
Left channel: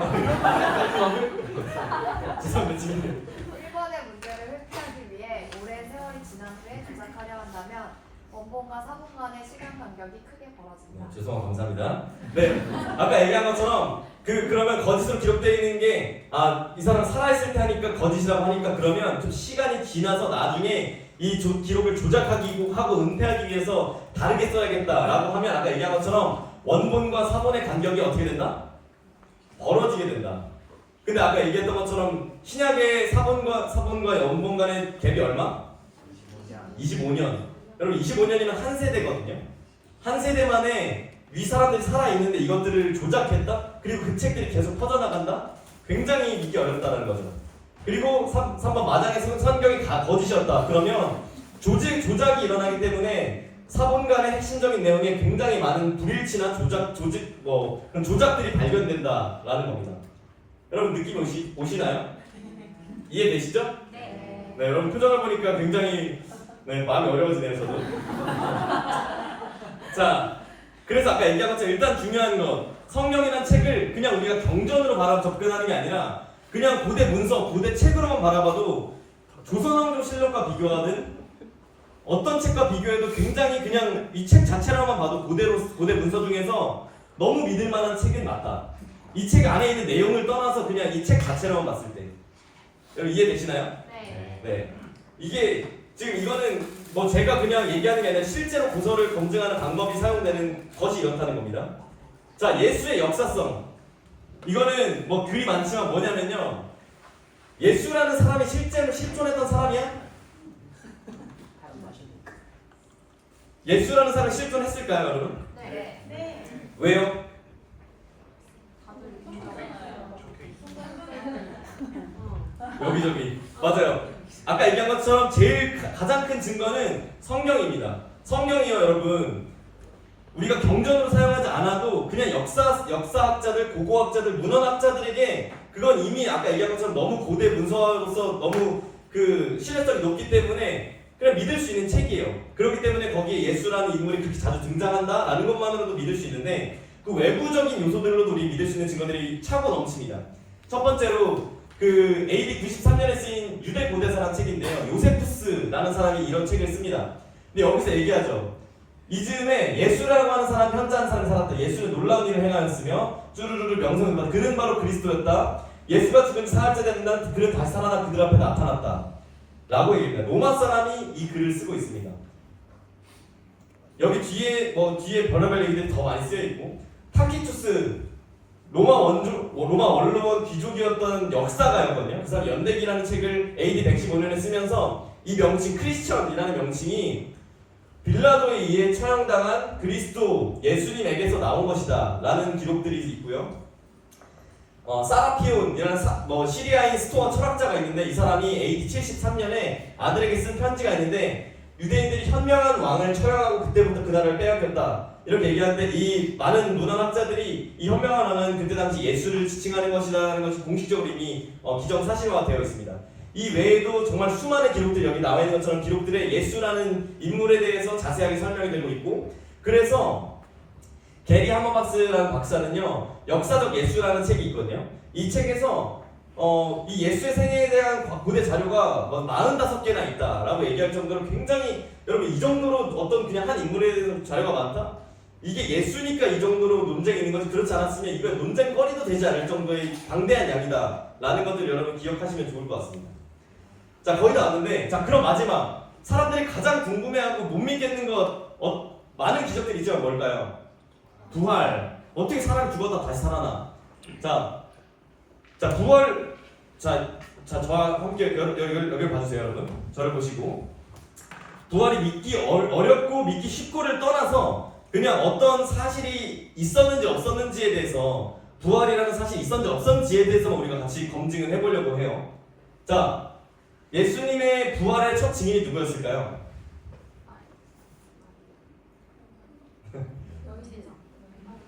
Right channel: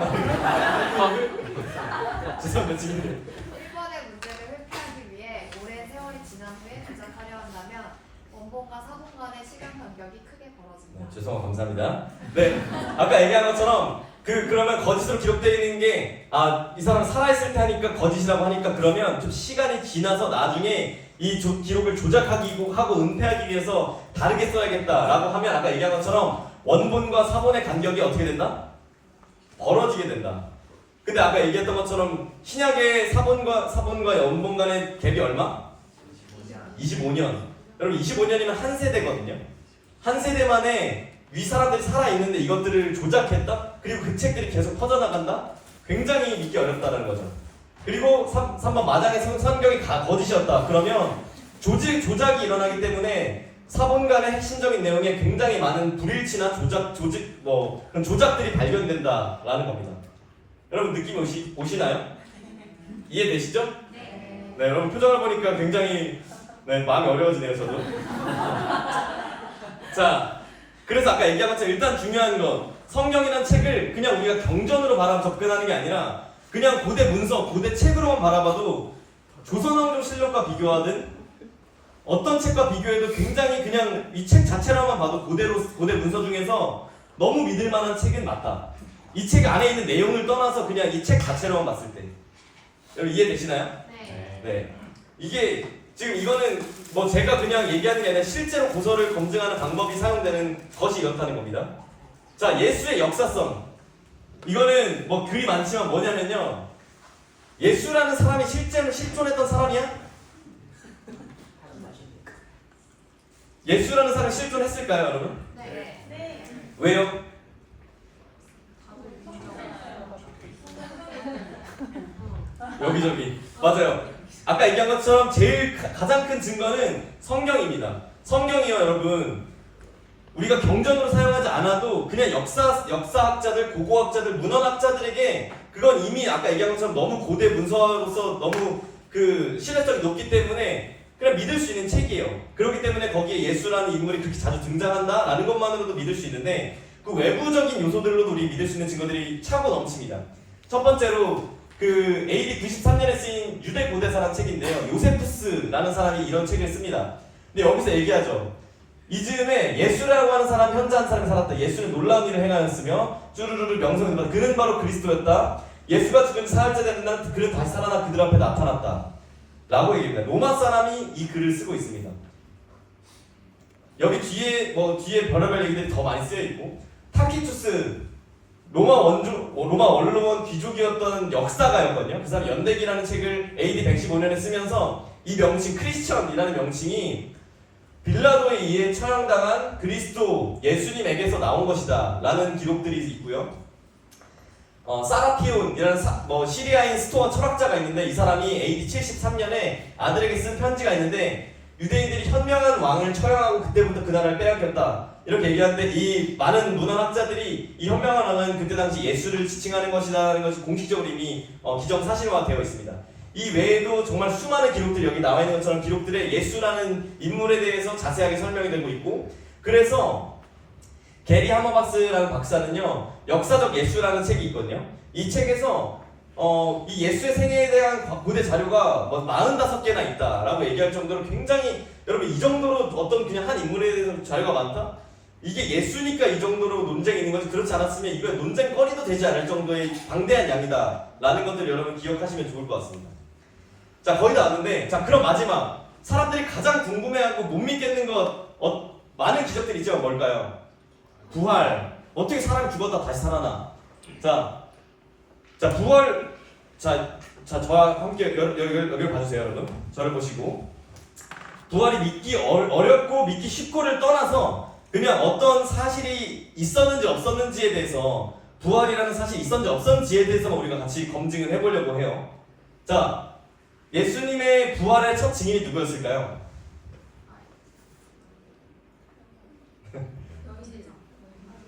죄송합니다, 진이. 1번의 문제를 회피하기 위해 오랜 세월이 지난 후에 조작하려 한다면 원본과 사본 간의 시간 간격이 크게 벌어진다. 죄송합니다. 감사합니다. 네, 아까 얘기한 것처럼 그러면 거짓으로 기록되어 있는 게 이 사람 살아있을 때 하니까 거짓이라고 하니까 그러면 좀 시간이 지나서 나중에 이 기록을 조작하고 은폐하기 위해서 다르게 써야겠다라고 하면 아까 얘기한 것처럼 원본과 사본의 간격이 어떻게 된다? 벌어지게 된다. 근데 아까 얘기했던 것처럼 신약의 사본과 원본 간의 갭이 얼마? 25년. 여러분 25년이면 한 세대거든요. 한 세대 만에 위 사람들이 살아있는데 이것들을 조작했다? 그리고 그 책들이 계속 퍼져나간다? 굉장히 믿기 어렵다는 거죠. 그리고 3번 마장의 성경이 다 거짓이었다. 그러면 조작이 일어나기 때문에 사본 간의 핵심적인 내용에 굉장히 많은 불일치나 그런 조작들이 발견된다라는 겁니다. 여러분 느낌 오시나요? 이해되시죠? 네. 네, 여러분 표정을 보니까 굉장히 마음이 어려워지네요, 저도. 자, 그래서 아까 얘기한 것처럼 일단 중요한 건 성경이라는 책을 그냥 우리가 경전으로 바라 접근하는 게 아니라 그냥 고대 문서, 고대 책으로만 바라봐도 조선왕조실록과 비교하든 어떤 책과 비교해도 굉장히 그냥 이 책 자체로만 봐도 고대 문서 중에서 너무 믿을 만한 책은 맞다. 이 책 안에 있는 내용을 떠나서 그냥 이 책 자체로만 봤을 때. 여러분 이해되시나요? 네. 네. 이게 지금 이거는 뭐 제가 그냥 얘기하는 게 아니라 실제로 고서를 검증하는 방법이 사용되는 것이 이렇다는 겁니다. 자, 예수의 역사성. 이거는 뭐 글이 많지만 뭐냐면요. 예수라는 사람이 실제로 실존했던 사람이야? 예수라는 사람이 실존했을까요, 여러분? 네. 네. 왜요? 여기저기. 맞아요. 아까 얘기한 것처럼 제일 가장 큰 증거는 성경입니다. 성경이요, 여러분. 우리가 경전으로 사용하지 않아도 그냥 역사학자들, 고고학자들, 문헌학자들에게 그건 이미 아까 얘기한 것처럼 너무 고대 문서로서 너무 그 신뢰성이 높기 때문에 그냥 믿을 수 있는 책이에요. 그렇기 때문에 거기에 예수라는 인물이 그렇게 자주 등장한다라는 것만으로도 믿을 수 있는데 그 외부적인 요소들로도 우리 믿을 수 있는 증거들이 차고 넘칩니다. 첫 번째로 그 AD 93년에 쓰인 유대 고대사라는 책인데요. 요세푸스라는 사람이 이런 책을 습니다. 근데 여기서 얘기하죠. 이즈음에 예수라고 하는 사람, 현자한 사람이 살았다. 예수는 놀라운 일을 행하였으며 쭈루루루 명성을 받았다. 그는 바로 그리스도였다. 예수가 죽은 지 사흘째 되는 날 그는 다시 살아나 그들 앞에 나타났다. 라고 얘기합니다. 로마 사람이 이 글을 쓰고 있습니다. 여기 뒤에 별의별 얘기들이 더 많이 쓰여 있고 타키투스 로마 원로원 귀족이었던 역사가였거든요. 그 사람 연대기라는 책을 AD 115년에 쓰면서 이 명칭 크리스천이라는 명칭이 빌라도에 의해 처형당한 그리스도 예수님에게서 나온 것이다 라는 기록들이 있고요. 사라피온이라는 시리아인 스토어 철학자가 있는데 이 사람이 AD 73년에 아들에게 쓴 편지가 있는데 유대인들이 현명한 왕을 처형하고 그때부터 그 나라를 빼앗겼다 이렇게 얘기하는데 이 많은 문헌학자들이 이 현명한 왕은 그때 당시 예수를 지칭하는 것이라는 것이 공식적으로 이미 기정사실화가 되어 있습니다. 이 외에도 정말 수많은 기록들이 여기 나와 있는 것처럼 기록들에 예수라는 인물에 대해서 자세하게 설명이 되고 있고 그래서 게리 하머바스라는 박사는요 역사적 예수라는 책이 있거든요. 이 책에서 이 예수의 생애에 대한 고대 자료가 45개나 있다라고 얘기할 정도로 굉장히 여러분 이 정도로 어떤 그냥 한 인물에 대해서 자료가 많다? 이게 예수니까 이 정도로 논쟁이 있는 거지 그렇지 않았으면 이거 논쟁거리도 되지 않을 정도의 방대한 양이다 라는 것들 여러분 기억하시면 좋을 것 같습니다. 자 거의 다 왔는데 자 그럼 마지막 사람들이 가장 궁금해하고 못 믿겠는 것 많은 기적들이 있지만 뭘까요? 부활. 어떻게 사람이 죽었다 다시 살아나? 자 부활. 저와 함께 여기를 봐주세요 여러분. 저를 보시고 부활이 믿기 어렵고 믿기 쉽고를 떠나서 그냥 어떤 사실이 있었는지 없었는지에 대해서 부활이라는 사실이 있었는지 없었는지에 대해서만 우리가 같이 검증을 해보려고 해요. 자 예수님의 부활의 첫 증인이 누구였을까요?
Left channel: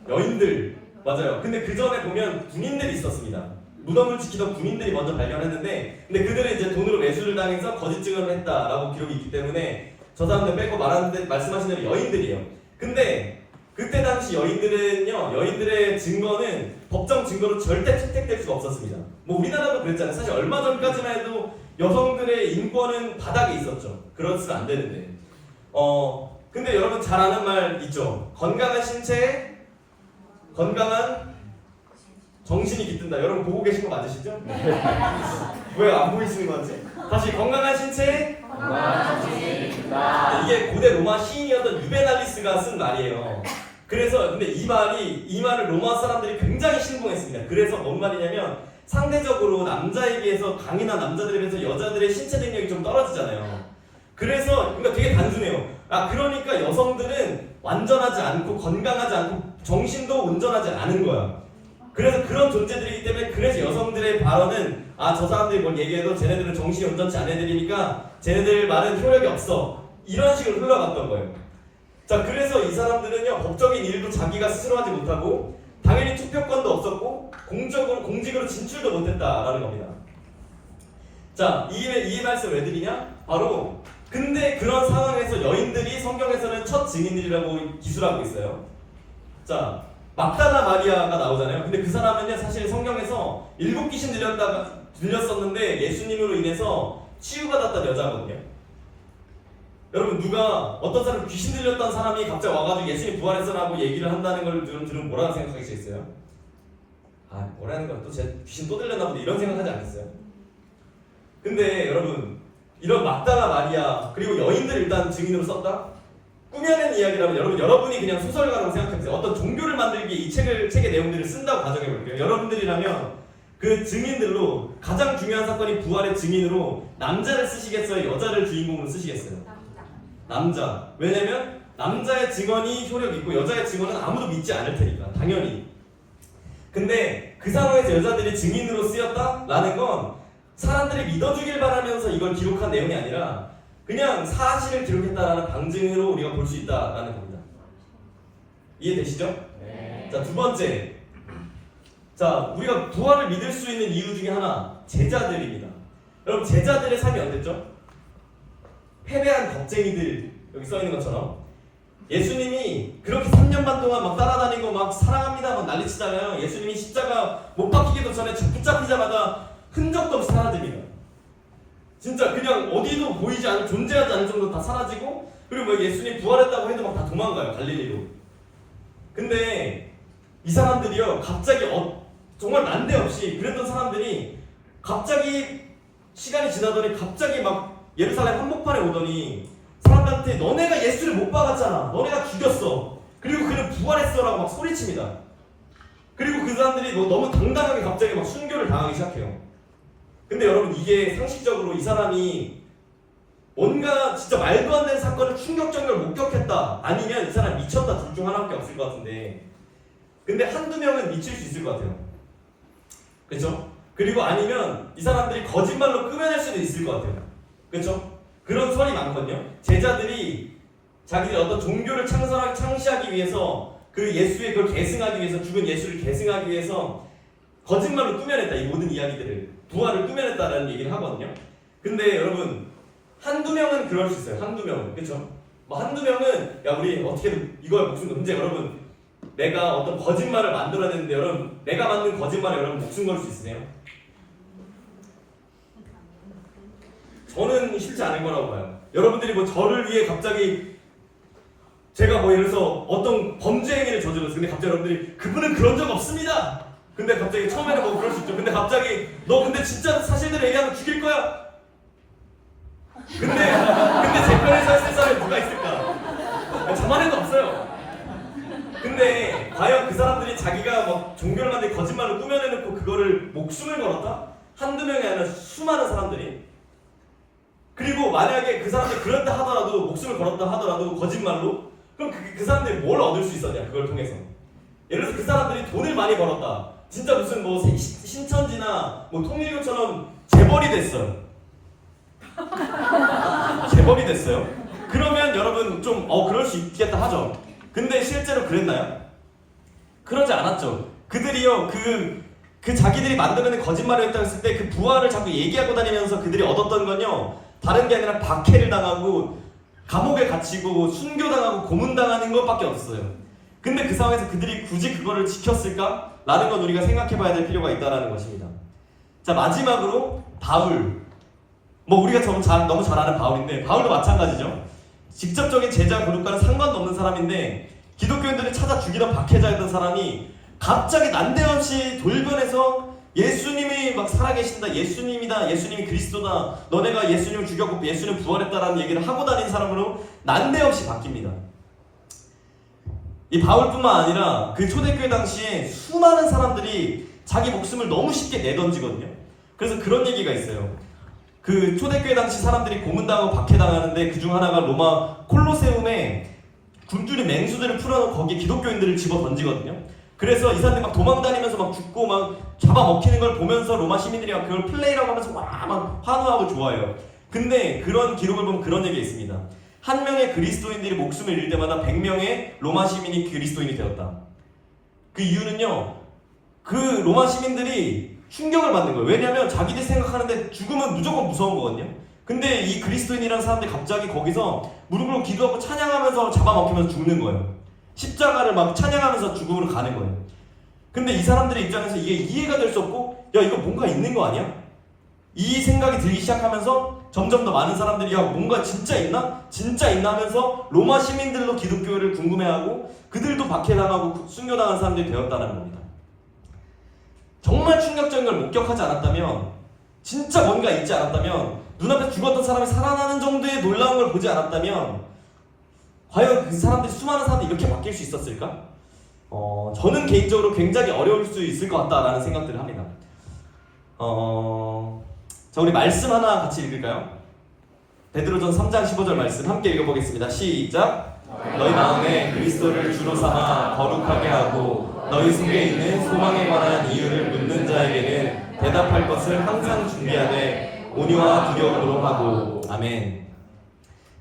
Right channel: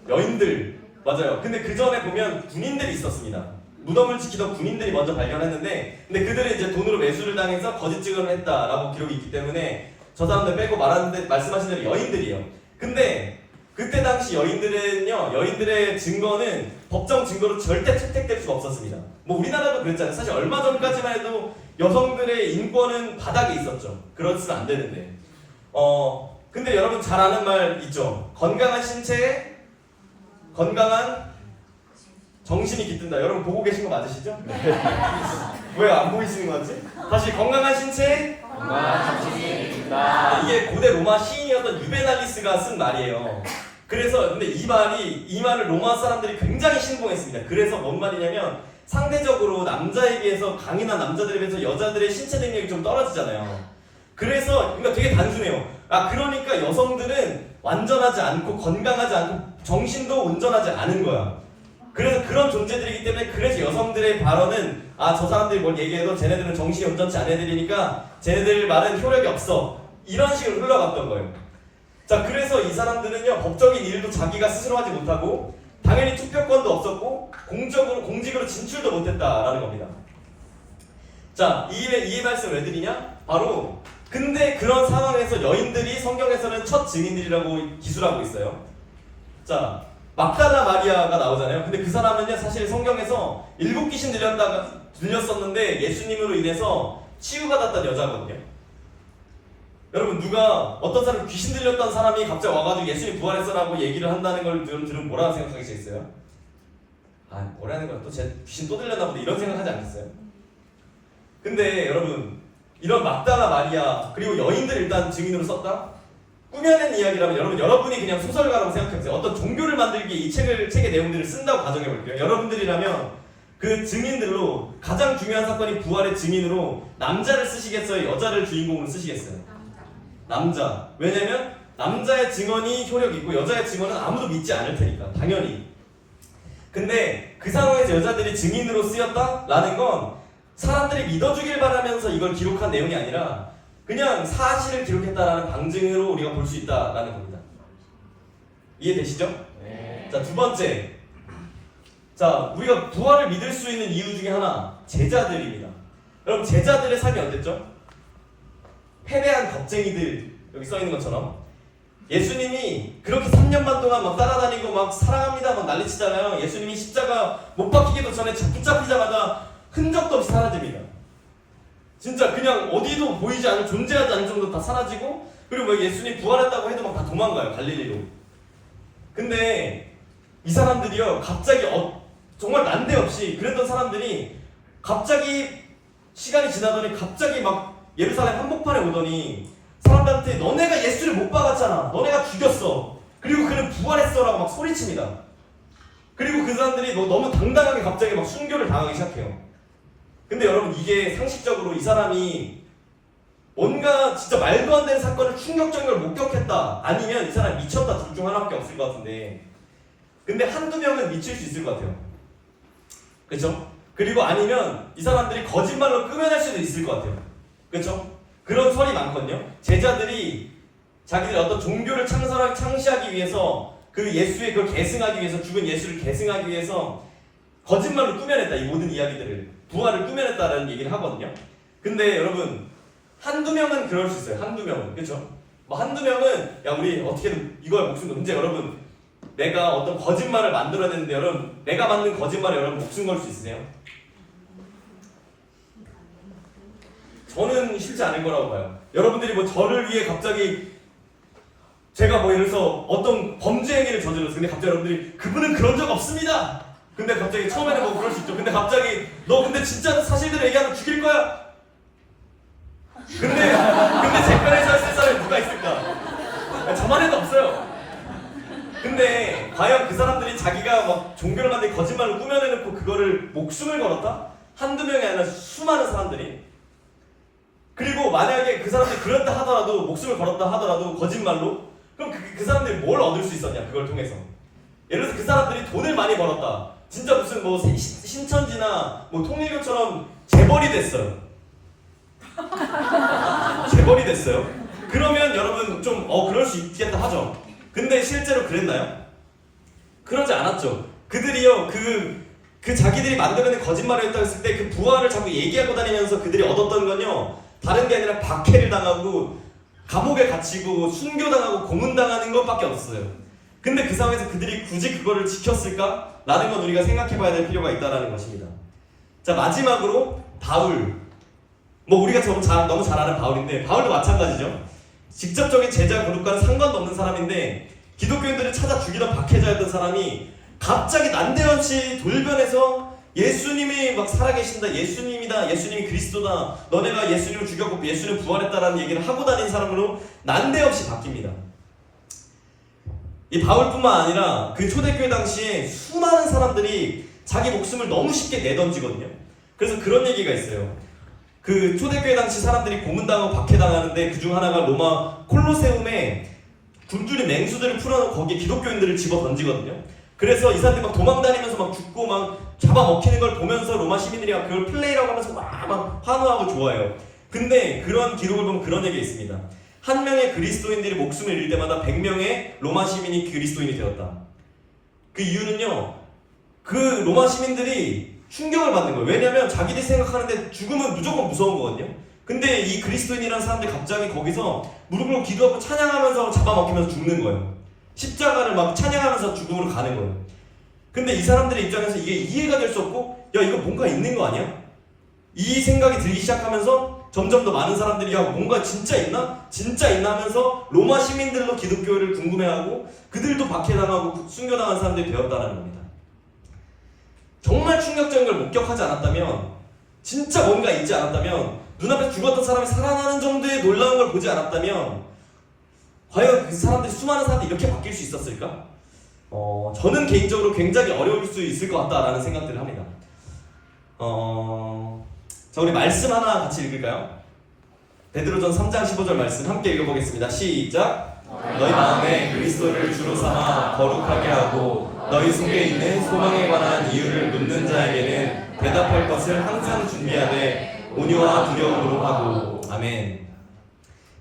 여인들 맞아요. 근데 그 전에 보면 군인들이 있었습니다. 무덤을 지키던 군인들이 먼저 발견했는데 근데 그들은 이제 돈으로 매수를 당해서 거짓 증언을 했다라고 기록이 있기 때문에 저 사람들 빼고 말하는데 말씀하신 대로 여인들이에요. 근데 그때 당시 여인들의 증거는 법정 증거로 절대 채택될 수가 없었습니다. 뭐 우리나라도 그랬잖아요. 사실 얼마 전까지만 해도 여성들의 인권은 바닥에 있었죠. 그렇지는 안 되는데. 근데 여러분 잘 아는 말 있죠. 건강한 신체에 건강한 정신이 깃든다. 여러분 보고 계신 거 맞으시죠? 왜 안 보이시는 거지? 다시 건강한 신체에 건강한 정신이 깃든다. 이게 고대 로마 시인이었던 유베날리스가 쓴 말이에요. 그래서 근데 이 말을 로마 사람들이 굉장히 신봉했습니다. 그래서 뭔 말이냐면 상대적으로 남자에 비해서 강인한 남자들에 비해서 여자들의 신체 능력이 좀 떨어지잖아요. 그래서 그러니까 되게 단순해요. 그러니까 여성들은 완전하지 않고 건강하지 않고 정신도 온전하지 않은 거야. 그래서 그런 존재들이기 때문에 그래서 여성들의 발언은 저 사람들이 뭘 얘기해도 쟤네들은 정신이 온전치 않은 애들이니까 쟤네들 말은 효력이 없어. 이런 식으로 흘러갔던 거예요. 자 그래서 이 사람들은요 법적인 일도 자기가 스스로 하지 못하고 당연히 투표권도 없었고 공직으로 진출도 못했다라는 겁니다. 자 이 말씀 왜 드리냐? 바로 근데 그런 상황에서 여인들이 성경에서는 첫 증인들이라고 기술하고 있어요. 자 막달라 마리아가 나오잖아요. 근데 그 사람은요 사실 성경에서 7귀신 들렸었는데 예수님으로 인해서 치유받았던 여자거든요. 여러분 누가 어떤 사람 귀신 들렸던 사람이 갑자기 와가지고 예수님 부활했어라고 얘기를 한다는 걸 들으면 뭐라고 생각하시겠어요? 뭐라는 거야 또 제 귀신 또 들렸나 보다 이런 생각하지 않겠어요? 근데 여러분 이런 막달라 마리아 그리고 여인들을 일단 증인으로 썼다? 꾸며낸 이야기라면 여러분이 그냥 소설가라고 생각해보세요. 어떤 종교를 만들기 위해 이 책의 내용들을 쓴다고 가정해볼게요. 여러분들이라면 그 증인들로 가장 중요한 사건이 부활의 증인으로 남자를 쓰시겠어요? 여자를 주인공으로 쓰시겠어요? 남자. 왜냐면 남자의 증언이 효력이 있고 여자의 증언은 아무도 믿지 않을 테니까 당연히. 근데 그 상황에서 여자들이 증인으로 쓰였다라는 건 사람들이 믿어주길 바라면서 이걸 기록한 내용이 아니라 그냥 사실을 기록했다라는 방증으로 우리가 볼 수 있다라는 겁니다. 이해되시죠? 네. 자, 두 번째. 자, 우리가 부활을 믿을 수 있는 이유 중에 하나, 제자들입니다. 여러분, 제자들의 삶이 어땠죠? 패배한 겁쟁이들, 여기 써있는 것처럼. 예수님이 그렇게 3년 반 동안 막 따라다니고 막 사랑합니다 막 난리치잖아요. 예수님이 십자가 못 박히기도 전에 붙잡히자마자 흔적도 없이 사라집니다. 진짜 그냥 어디도 보이지 않는 존재하지 않는 정도 다 사라지고 그리고 뭐 예수님 부활했다고 해도 막 다 도망가요. 갈릴리로. 근데 이 사람들이요 갑자기 정말 난데없이 그랬던 사람들이 갑자기 시간이 지나더니 갑자기 막 예루살렘 한복판에 오더니 사람들한테 너네가 예수를 못 박았잖아. 너네가 죽였어. 그리고 그는 부활했어 라고 막 소리칩니다. 그리고 그 사람들이 너무 당당하게 갑자기 막 순교를 당하기 시작해요. 근데 여러분 이게 상식적으로 이 사람이 뭔가 진짜 말도 안 되는 사건을 충격적인 걸 목격했다 아니면 이 사람 미쳤다 둘 중 하나밖에 없을 것 같은데 근데 한두 명은 미칠 수 있을 것 같아요. 그렇죠? 그리고 아니면 이 사람들이 거짓말로 꾸며낼 수도 있을 것 같아요. 그렇죠? 그런 설이 많거든요. 제자들이 자기들 어떤 종교를 창시하기 위해서 그 예수의 그걸 계승하기 위해서 죽은 예수를 계승하기 위해서 거짓말로 꾸며냈다. 이 모든 이야기들을 부활을 꾸며냈다라는 얘기를 하거든요. 근데 여러분 한두 명은 그럴 수 있어요. 한두 명은 그렇죠? 뭐 한두 명은 야 우리 어떻게든 이거야 목숨 걸. 근데 여러분 내가 어떤 거짓말을 만들어야 되는데 여러분 내가 만든 거짓말에 여러분 목숨 걸 수 있으세요? 저는 쉽지 않을 거라고 봐요. 여러분들이 뭐 저를 위해 갑자기 제가 뭐 예를 들어서 어떤 범죄 행위를 저질렀어요. 근데 갑자기 여러분들이 그분은 그런 적 없습니다. 근데 갑자기 처음에는 뭐 그럴 수 있죠. 근데 갑자기 너 근데 진짜 사실대로 얘기하면 죽일 거야. 근데 제 편에 서 있을 사람이 누가 있을까? 저만 해도 없어요. 근데 과연 그 사람들이 자기가 막 종교를 만들고 거짓말로 꾸며내놓고 그거를 목숨을 걸었다? 한두 명이 아니라 수많은 사람들이. 그리고 만약에 그 사람들이 그렇다 하더라도 목숨을 걸었다 하더라도 거짓말로 그럼 그 사람들이 뭘 얻을 수 있었냐 그걸 통해서. 예를 들어서 그 사람들이 돈을 많이 벌었다. 진짜 무슨 뭐 신천지나 뭐 통일교처럼 재벌이 됐어요. 재벌이 됐어요. 그러면 여러분 좀 그럴 수 있겠다 하죠. 근데 실제로 그랬나요? 그러지 않았죠. 그들이요 그 자기들이 만들어낸 거짓말을 했다고 했을 때 그 부활을 자꾸 얘기하고 다니면서 그들이 얻었던 건요 다른 게 아니라 박해를 당하고 감옥에 갇히고 순교당하고 고문당하는 것밖에 없었어요. 근데 그 상황에서 그들이 굳이 그거를 지켰을까? 라는 건 우리가 생각해봐야 될 필요가 있다는 것입니다. 자 마지막으로 바울. 뭐 우리가 너무 잘 아는 바울인데 바울도 마찬가지죠. 직접적인 제자 그룹과는 상관도 없는 사람인데 기독교인들을 찾아 죽이던 박해자였던 사람이 갑자기 난데없이 돌변해서 예수님이 막 살아계신다, 예수님이다, 예수님이 그리스도다, 너네가 예수님을 죽였고 예수님 부활했다라는 얘기를 하고 다니는 사람으로 난데없이 바뀝니다. 이 바울뿐만 아니라 그 초대교회 당시에 수많은 사람들이 자기 목숨을 너무 쉽게 내던지거든요. 그래서 그런 얘기가 있어요. 그 초대교회 당시 사람들이 고문당하고 박해당하는데 그 중 하나가 로마 콜로세움에 굶주린 맹수들을 풀어놓고 거기에 기독교인들을 집어 던지거든요. 그래서 이 사람들이 막 도망다니면서 막 죽고 막 잡아먹히는 걸 보면서 로마 시민들이 막 그걸 플레이라고 하면서 막 환호하고 좋아해요. 근데 그런 기록을 보면 그런 얘기가 있습니다. 한 명의 그리스도인들이 목숨을 잃을 때마다 100명의 로마 시민이 그리스도인이 되었다. 그 이유는요, 그 로마 시민들이 충격을 받는 거예요. 왜냐하면 자기들이 생각하는데 죽음은 무조건 무서운 거거든요. 근데 이 그리스도인이라는 사람들이 갑자기 거기서 무릎 꿇고 기도하고 찬양하면서 잡아먹히면서 죽는 거예요. 십자가를 막 찬양하면서 죽음으로 가는 거예요. 근데 이 사람들의 입장에서 이게 이해가 될 수 없고, 야 이거 뭔가 있는 거 아니야? 이 생각이 들기 시작하면서 점점 더 많은 사람들이 야 뭔가 진짜 있나? 진짜 있나 하면서 로마 시민들로 기독교를 궁금해하고 그들도 박해당하고 순교당한 사람들이 되었다는 겁니다. 정말 충격적인 걸 목격하지 않았다면, 진짜 뭔가 있지 않았다면, 눈앞에 죽었던 사람이 살아나는 정도의 놀라운 걸 보지 않았다면 과연 그 사람들이, 수많은 사람들이 이렇게 바뀔 수 있었을까? 저는 개인적으로 굉장히 어려울 수 있을 것 같다라는 생각들을 합니다. 자, 우리 말씀 하나 같이 읽을까요? 베드로전 3장 15절 말씀 함께 읽어보겠습니다. 시작! 너희 마음에 그리스도를 주로 삼아 거룩하게 하고 너희 속에 있는 소망에 관한 이유를 묻는 자에게는 대답할 것을 항상 준비하되 온유와 두려움으로 하고. 아멘.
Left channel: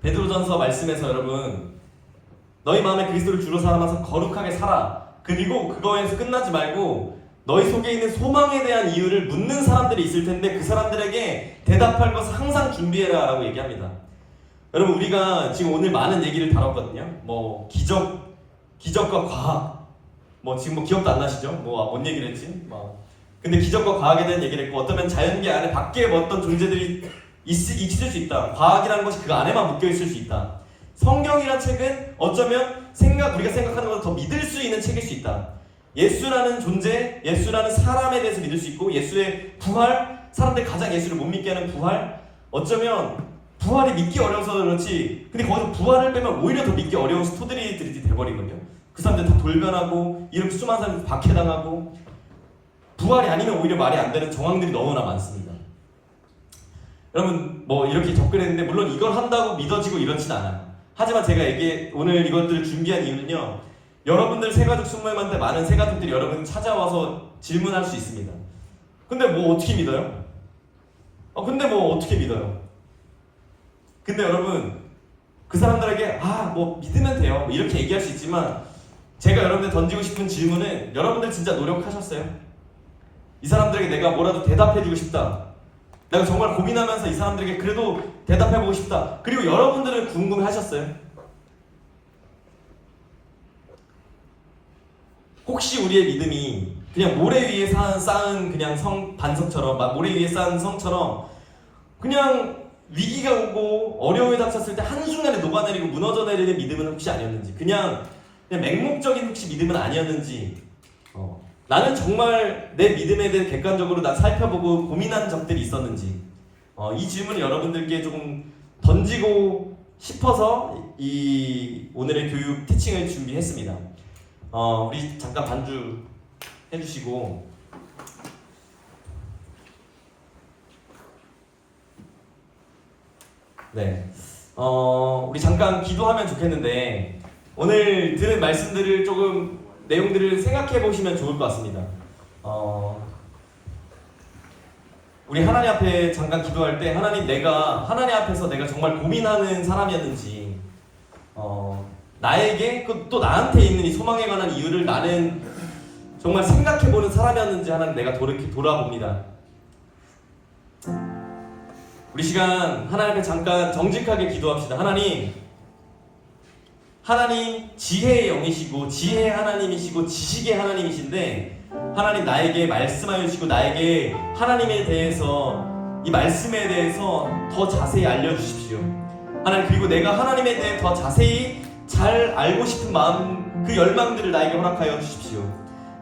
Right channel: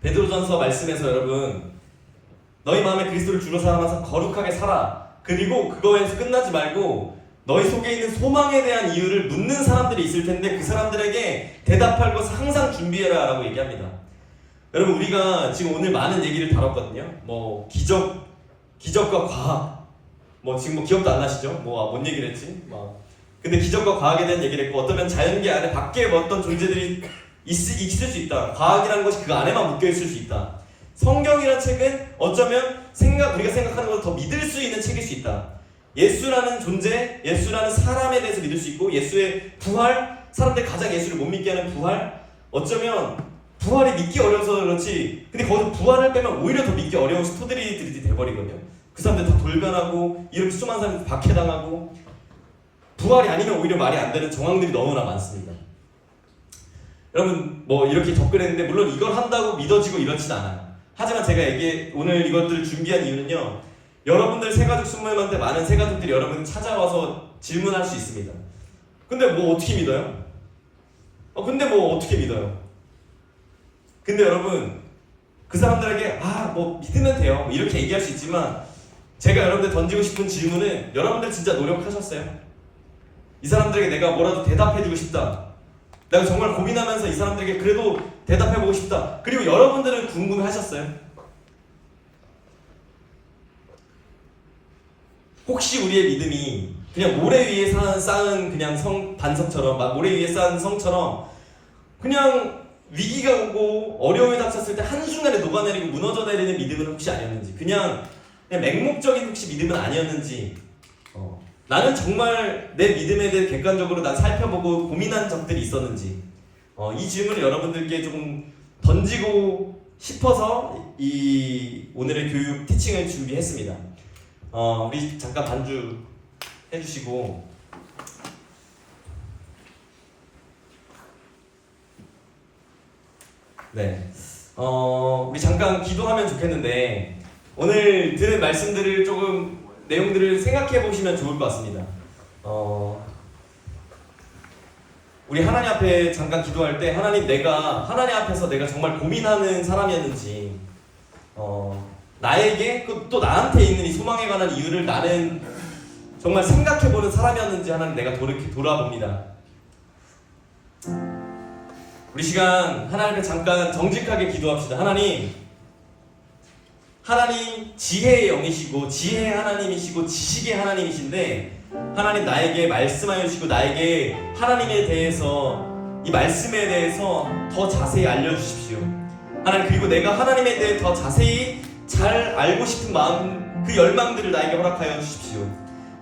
베드로전서 말씀에서 여러분, 너희 마음에 그리스도를 주로 삼아서 거룩하게 살아. 그리고 그거에서 끝나지 말고 너희 속에 있는 소망에 대한 이유를 묻는 사람들이 있을 텐데 그 사람들에게 대답할 것을 항상 준비해라 라고 얘기합니다. 여러분, 우리가 지금 오늘 많은 얘기를 다뤘거든요. 뭐 기적과 과학, 뭐 지금 뭐 기억도 안 나시죠? 뭔 얘기를 했지? 근데 기적과 과학에 대한 얘기를 했고, 어쩌면 자연계 안에 밖에 뭐 어떤 존재들이 있을 수 있다. 과학이라는 것이 그 안에만 묶여 있을 수 있다. 성경이라는 책은 어쩌면 우리가 생각하는 것보다 더 믿을 수 있는 책일 수 있다. 예수라는 존재, 예수라는 사람에 대해서 믿을 수 있고, 예수의 부활, 사람들이 가장 예수를 못 믿게 하는 부활, 어쩌면 부활이 믿기 어려워서 그렇지, 근데 거기서 부활을 빼면 오히려 더 믿기 어려운 스토리들이 돼버리거든요. 그 사람들 다 돌변하고 이렇게 수많은 사람들 박해당하고, 부활이 아니면 오히려 말이 안 되는 정황들이 너무나 많습니다. 여러분 뭐 이렇게 접근했는데 물론 이걸 한다고 믿어지고 이렇진 않아요. 하지만 제가 오늘 이것들을 준비한 이유는요, 여러분들 새가족 순모임한테 많은 새가족들이 여러분 찾아와서 질문할 수 있습니다. 근데 뭐 어떻게 믿어요? 근데 뭐 어떻게 믿어요? 근데 여러분 그 사람들에게 뭐 믿으면 돼요 이렇게 얘기할 수 있지만, 제가 여러분들 던지고 싶은 질문은, 여러분들 진짜 노력하셨어요? 이 사람들에게 내가 뭐라도 대답해주고 싶다, 내가 정말 고민하면서 이 사람들에게 그래도 대답해보고 싶다, 그리고 여러분들은 궁금해하셨어요? 혹시 우리의 믿음이 그냥 모래 위에 쌓은 그냥 반석처럼, 모래 위에 쌓은 성처럼 그냥 위기가 오고 어려움이 닥쳤을 때 한순간에 녹아내리고 무너져 내리는 믿음은 혹시 아니었는지, 그냥 맹목적인 혹시 믿음은 아니었는지, 나는 정말 내 믿음에 대해 객관적으로 난 살펴보고 고민한 적들이 있었는지, 이 질문을 여러분들께 조금 던지고 싶어서 이 오늘의 교육 티칭을 준비했습니다. 우리 잠깐 반주 해주시고, 네, 우리 잠깐 기도하면 좋겠는데, 오늘 들은 말씀들을 조금 내용들을 생각해 보시면 좋을 것 같습니다. 우리 하나님 앞에 잠깐 기도할 때, 하나님 앞에서 내가 정말 고민하는 사람이었는지, 나에게 또 나한테 있는 이 소망에 관한 이유를 나는 정말 생각해 보는 사람이었는지 하나님 내가 돌아봅니다. 우리 시간 하나님 앞에 잠깐 정직하게 기도합시다. 하나님 지혜의 영이시고 지혜의 하나님이시고 지식의 하나님이신데, 하나님 나에게 말씀하여 주시고 나에게 하나님에 대해서, 이 말씀에 대해서 더 자세히 알려주십시오. 하나님, 그리고 내가 하나님에 대해 더 자세히 잘 알고 싶은 마음, 그 열망들을 나에게 허락하여 주십시오.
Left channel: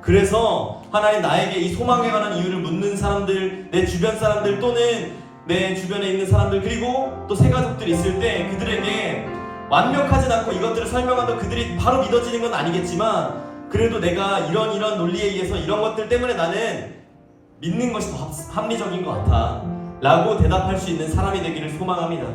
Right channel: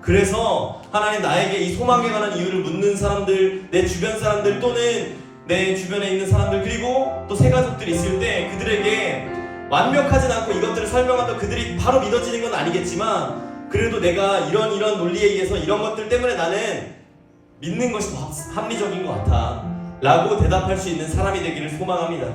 그래서 하나님, 나에게 이 소망에 관한 이유를 묻는 사람들, 내 주변 사람들 또는 내 주변에 있는 사람들, 그리고 또 새가족들이 있을 때 그들에게 완벽하진 않고 이것들을 설명하면 그들이 바로 믿어지는 건 아니겠지만, 그래도 내가 이런 논리에 의해서 이런 것들 때문에 나는 믿는 것이 더 합리적인 것 같아 라고 대답할 수 있는 사람이 되기를 소망합니다.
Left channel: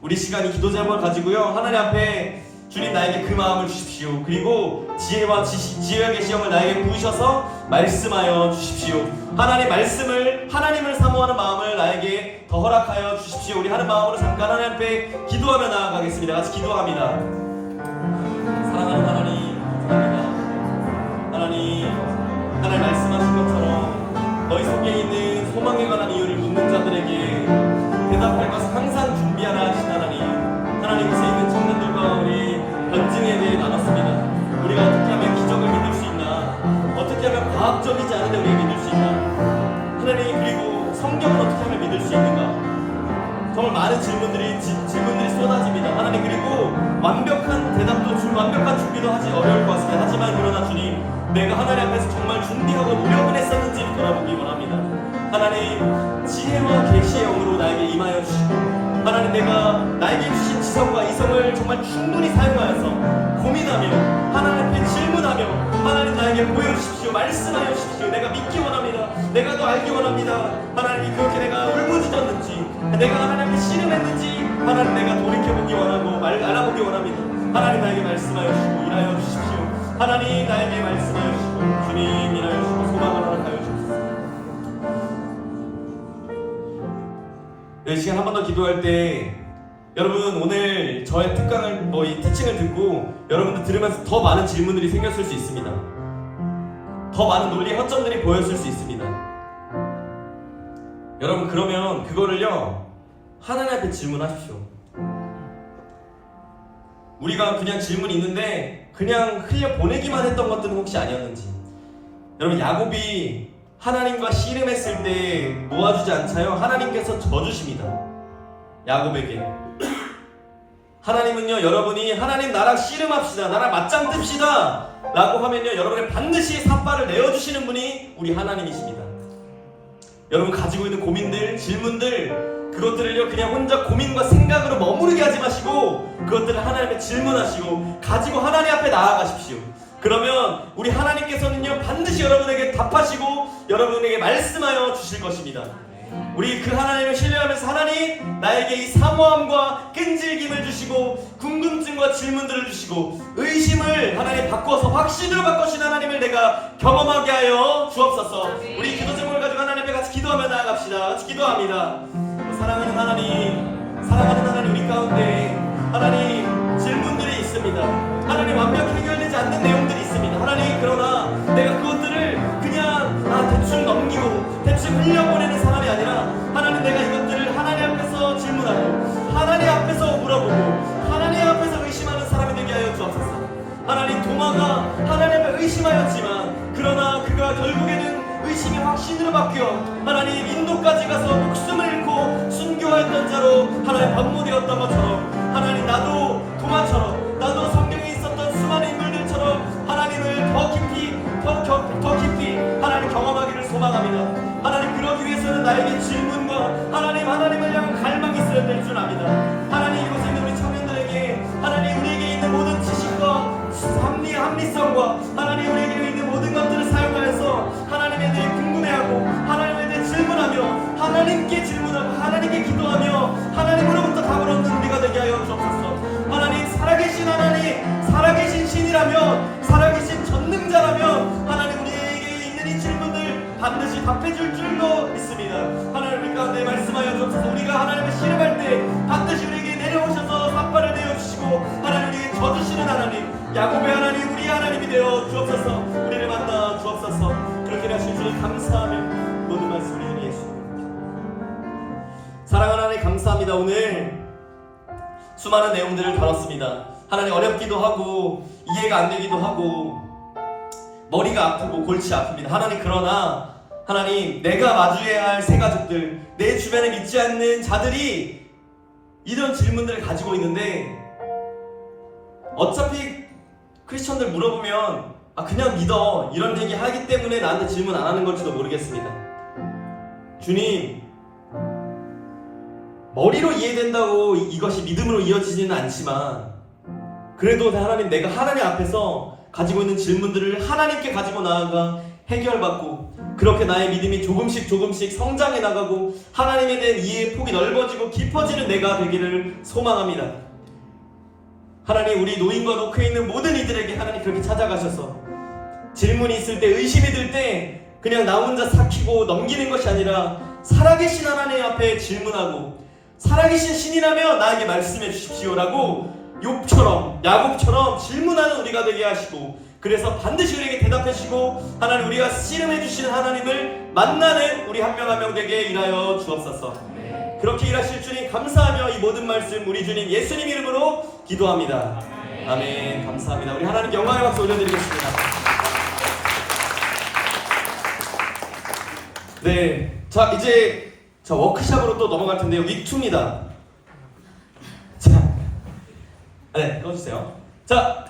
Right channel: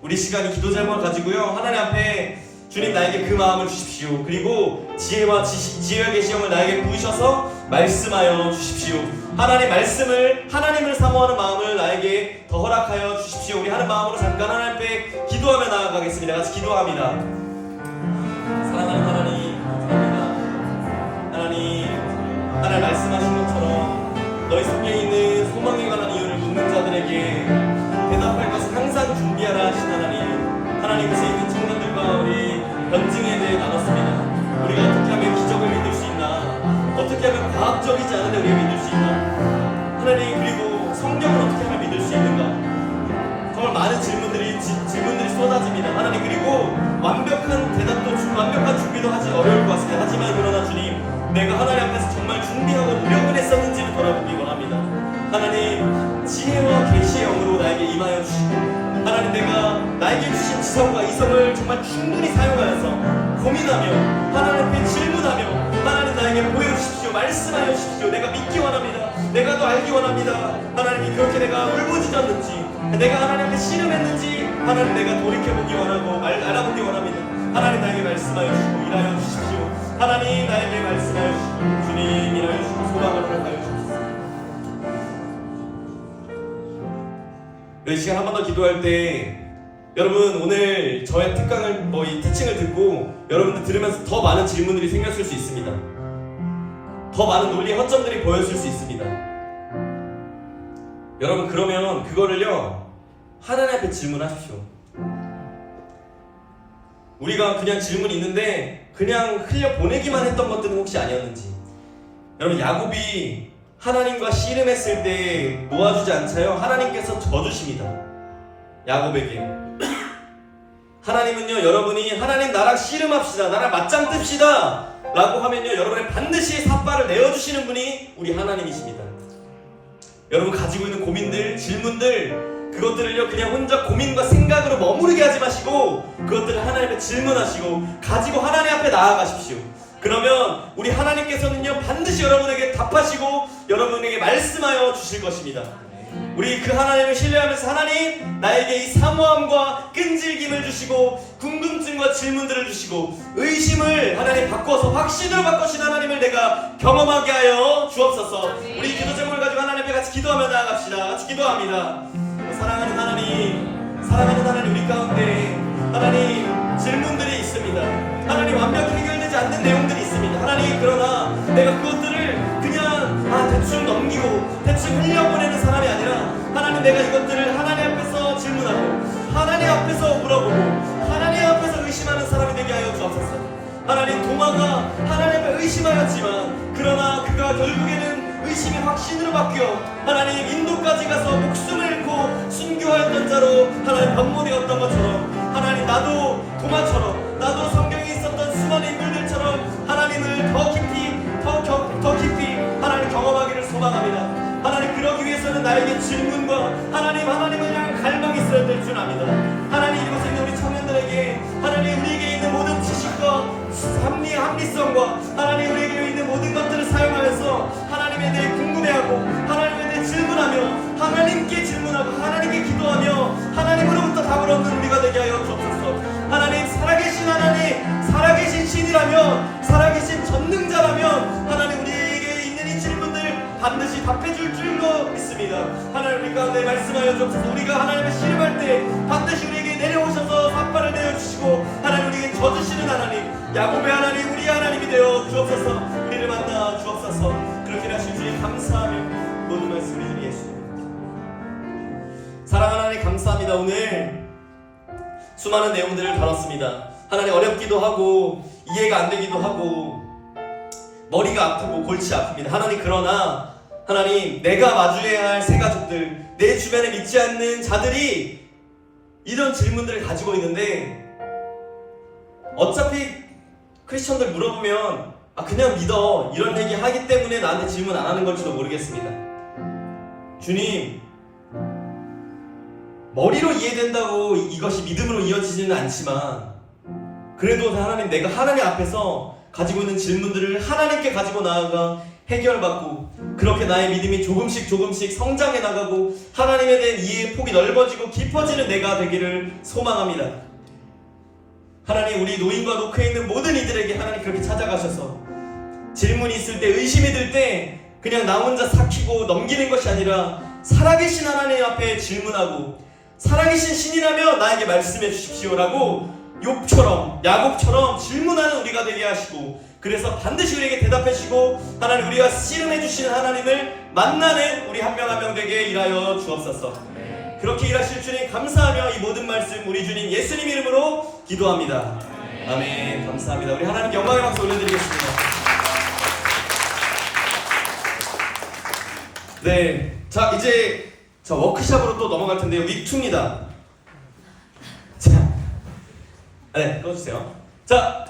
우리 시간이 기도 제목을 가지고요, 하나님 앞에 주님 나에게 그 마음을 주십시오. 그리고 지혜와 지혜의 시험을 나에게 부으셔서 말씀하여 주십시오. 하나님 말씀을, 하나님을 사모하는 마음을 나에게 더 허락하여 주십시오. 우리 하는 마음으로 잠깐 하나님 앞에 기도하며 나아가겠습니다. 같이 기도합니다. 사랑하는 하나님, 하나님 말씀하신 것처럼 너희 속에 있는 소망에 관한 이유를 묻는 자들에게 대답할 것을 항상 준비하라 하신 하나님, 곳에 있는 청년들과 우리 변증에 대해 나눴습니다. 우리가 어떻게 하면 기적을 믿을 수 있나, 어떻게 하면 과학적이지 않은데 우리가 믿을 수 있나, 하나님, 그리고 성경을 어떻게 하면 믿을 수 있는가, 정말 많은 질문들이 쏟아집니다. 하나님, 그리고 완벽한 대답도 완벽한 준비도 하지 어려울 것 같습니다. 하지만 그러나 주님, 내가 하나님 앞에서 정말 준비하고 노력을 했었는지를 돌아보기 원합니다. 하나님, 지혜와 계시의 영으로 나에게 임하여 주시고, 하나님, 내가 나에게 주신 지성과 이성을 정말 충분히 사용하여서 고민하며 하나님 앞에 질문하며, 하나님 나에게 보여주십시오. 말씀하여 주십시오. 내가 믿기 원합니다. 내가 더 알기 원합니다. 하나님이 그렇게 내가 울부짖었는지, 내가 하나님 앞에 씨름했는지, 하나님 내가 돌이켜보기 원하고 알아보기 원합니다. 하나님 나에게 말씀하여 주시고 일하여 주십시오. 하나님 나에게 말씀하여 주시고 주님 일하여 주시고 소망을 허락하여 주십시오. 이 시간 한 번 더 기도할 때, 여러분 오늘 저의 특강을 이 티칭을 듣고 여러분들 들으면서 더 많은 질문들이 생겼을 수 있습니다. 더 많은 논리 허점들이 보였을 수 있습니다. 여러분, 그러면 그거를요 하나님 앞에 질문하십시오. 우리가 그냥 질문이 있는데 그냥 흘려 보내기만 했던 것들은 혹시 아니었는지. 여러분, 야곱이 하나님과 씨름했을 때 놓아주지 않자요, 하나님께서 져주십니다. 야곱에게. 하나님은요, 여러분이 하나님 나랑 씨름합시다, 나랑 맞짱 뜹시다 라고 하면요, 여러분의 반드시 삿발을 내어주시는 분이 우리 하나님이십니다. 여러분 가지고 있는 고민들, 질문들, 그것들을요 그냥 혼자 고민과 생각으로 머무르게 하지 마시고 그것들을 하나님께 질문하시고 가지고 하나님 앞에 나아가십시오. 그러면 우리 하나님께서는요 반드시 여러분에게 답하시고 여러분에게 말씀하여 주실 것입니다. 우리 그 하나님을 신뢰하면서 하나님 나에게 이 사모함과 끈질김을 주시고 궁금증과 질문들을 주시고 의심을 하나님 바꿔서 확신으로 바꾸신 하나님을 내가 경험하게 하여 주옵소서. 우리 기도 제목을 가지고 하나님께 같이 기도하며 나아갑시다. 같이 기도합니다. 사랑하는 하나님 우리 가운데 하나님 질문들이 있습니다. 하나님 완벽히 해결되지 않는 내용들이 있습니다. 하나님 그러나 내가 그것들을 그냥 대충 넘기고 대충 흘려보내는 사람이 아니라 하나님 내가 이것들을 하나님 앞에서 질문하고 하나님 앞에서 물어보고 하나님 앞에서 의심하는 사람이 되게 하여 주옵소서. 하나님 도마가 하나님 앞에 의심하였지만 그러나 그가 결국에는 의심이 확신으로 바뀌어 하나님 인도까지 가서 목숨을 잃고 순교하였던 자로 하나님 반모되었던 것처럼 하나님 나도 도마처럼 나도 성경에 있었던 수많은 인물들처럼 하나님을 더 깊이 하나님 경험하기를 소망합니다. 하나님 그러기 위해서는 나에게 질문과 하나님을 향한 갈망이 있어야 될 줄 압니다. 하나님 이곳에 있는 우리 청년들에게 하나님 우리에게 있는 모든 지식과 합리성과 하나님 우리에게 있는 모든 것들을 사용하여서 하나님에 대해 궁금해하고 하나님에 대해 질문하며 하나님께 질문하고 하나님께 기도하며 하나님으로부터 답을 얻는 우리가 되게 하여 주옵소서. 하나님 살아계신 신이라면 살아계신 전능자라면 하나님 우리에게 있는 이 질문들 반드시 답해줄 줄로 믿습니다. 하나님 우리 가운데 말씀하여 주옵소서. 우리가 하나님을 씨름할 때 반드시 우리에게 내려오셔서 삿발을 내어주시고 하나님 우리에게 져주시는 하나님 야곱의 하나님 우리의 하나님이 되어 주옵소서. 우리를 만나 주옵소서. 그렇게 하신 주님 감사하며 모든 말씀 우리 예수 사랑하는 하나님 감사합니다. 오늘 수많은 내용들을 다뤘습니다. 하나님 어렵기도 하고 이해가 안 되기도 하고 머리가 아프고 골치 아픕니다. 하나님 그러나 하나님 내가 마주해야 할 새 가족들 내 주변에 믿지 않는 자들이 이런 질문들을 가지고 있는데 어차피 크리스천들 물어보면 그냥 믿어 이런 얘기 하기 때문에 나한테 질문 안 하는 걸지도 모르겠습니다. 주님 머리로 이해된다고 이것이 믿음으로 이어지지는 않지만 그래도 하나님 내가 하나님 앞에서 가지고 있는 질문들을 하나님께 가지고 나아가 해결받고 그렇게 나의 믿음이 조금씩 성장해 나가고 하나님에 대한 이해의 폭이 넓어지고 깊어지는 내가 되기를 소망합니다. 하나님 우리 노인과 노크에 있는 모든 이들에게 하나님 그렇게 찾아가셔서 질문이 있을 때 의심이 들 때 그냥 나 혼자 삭히고 넘기는 것이 아니라 살아계신 하나님 앞에 질문하고 살아계신 신이라면 나에게 말씀해 주십시오라고 야곱처럼 질문하는 우리가 되게 하시고 그래서 반드시 우리에게 대답해 주시고 하나님 우리가 씨름해 주시는 하나님을 만나는 우리 한 명 한 명 되게 일하여 주옵소서. 그렇게 일하실 주님 감사하며 이 모든 말씀 우리 주님 예수님 이름으로 기도합니다. 아멘. 감사합니다. 우리 하나님 영광의 박수 올려드리겠습니다. 네, 자 이제 워크샵으로 또 넘어갈 텐데요. 윅2입니다. 자, 네, 꺼주세요. 자.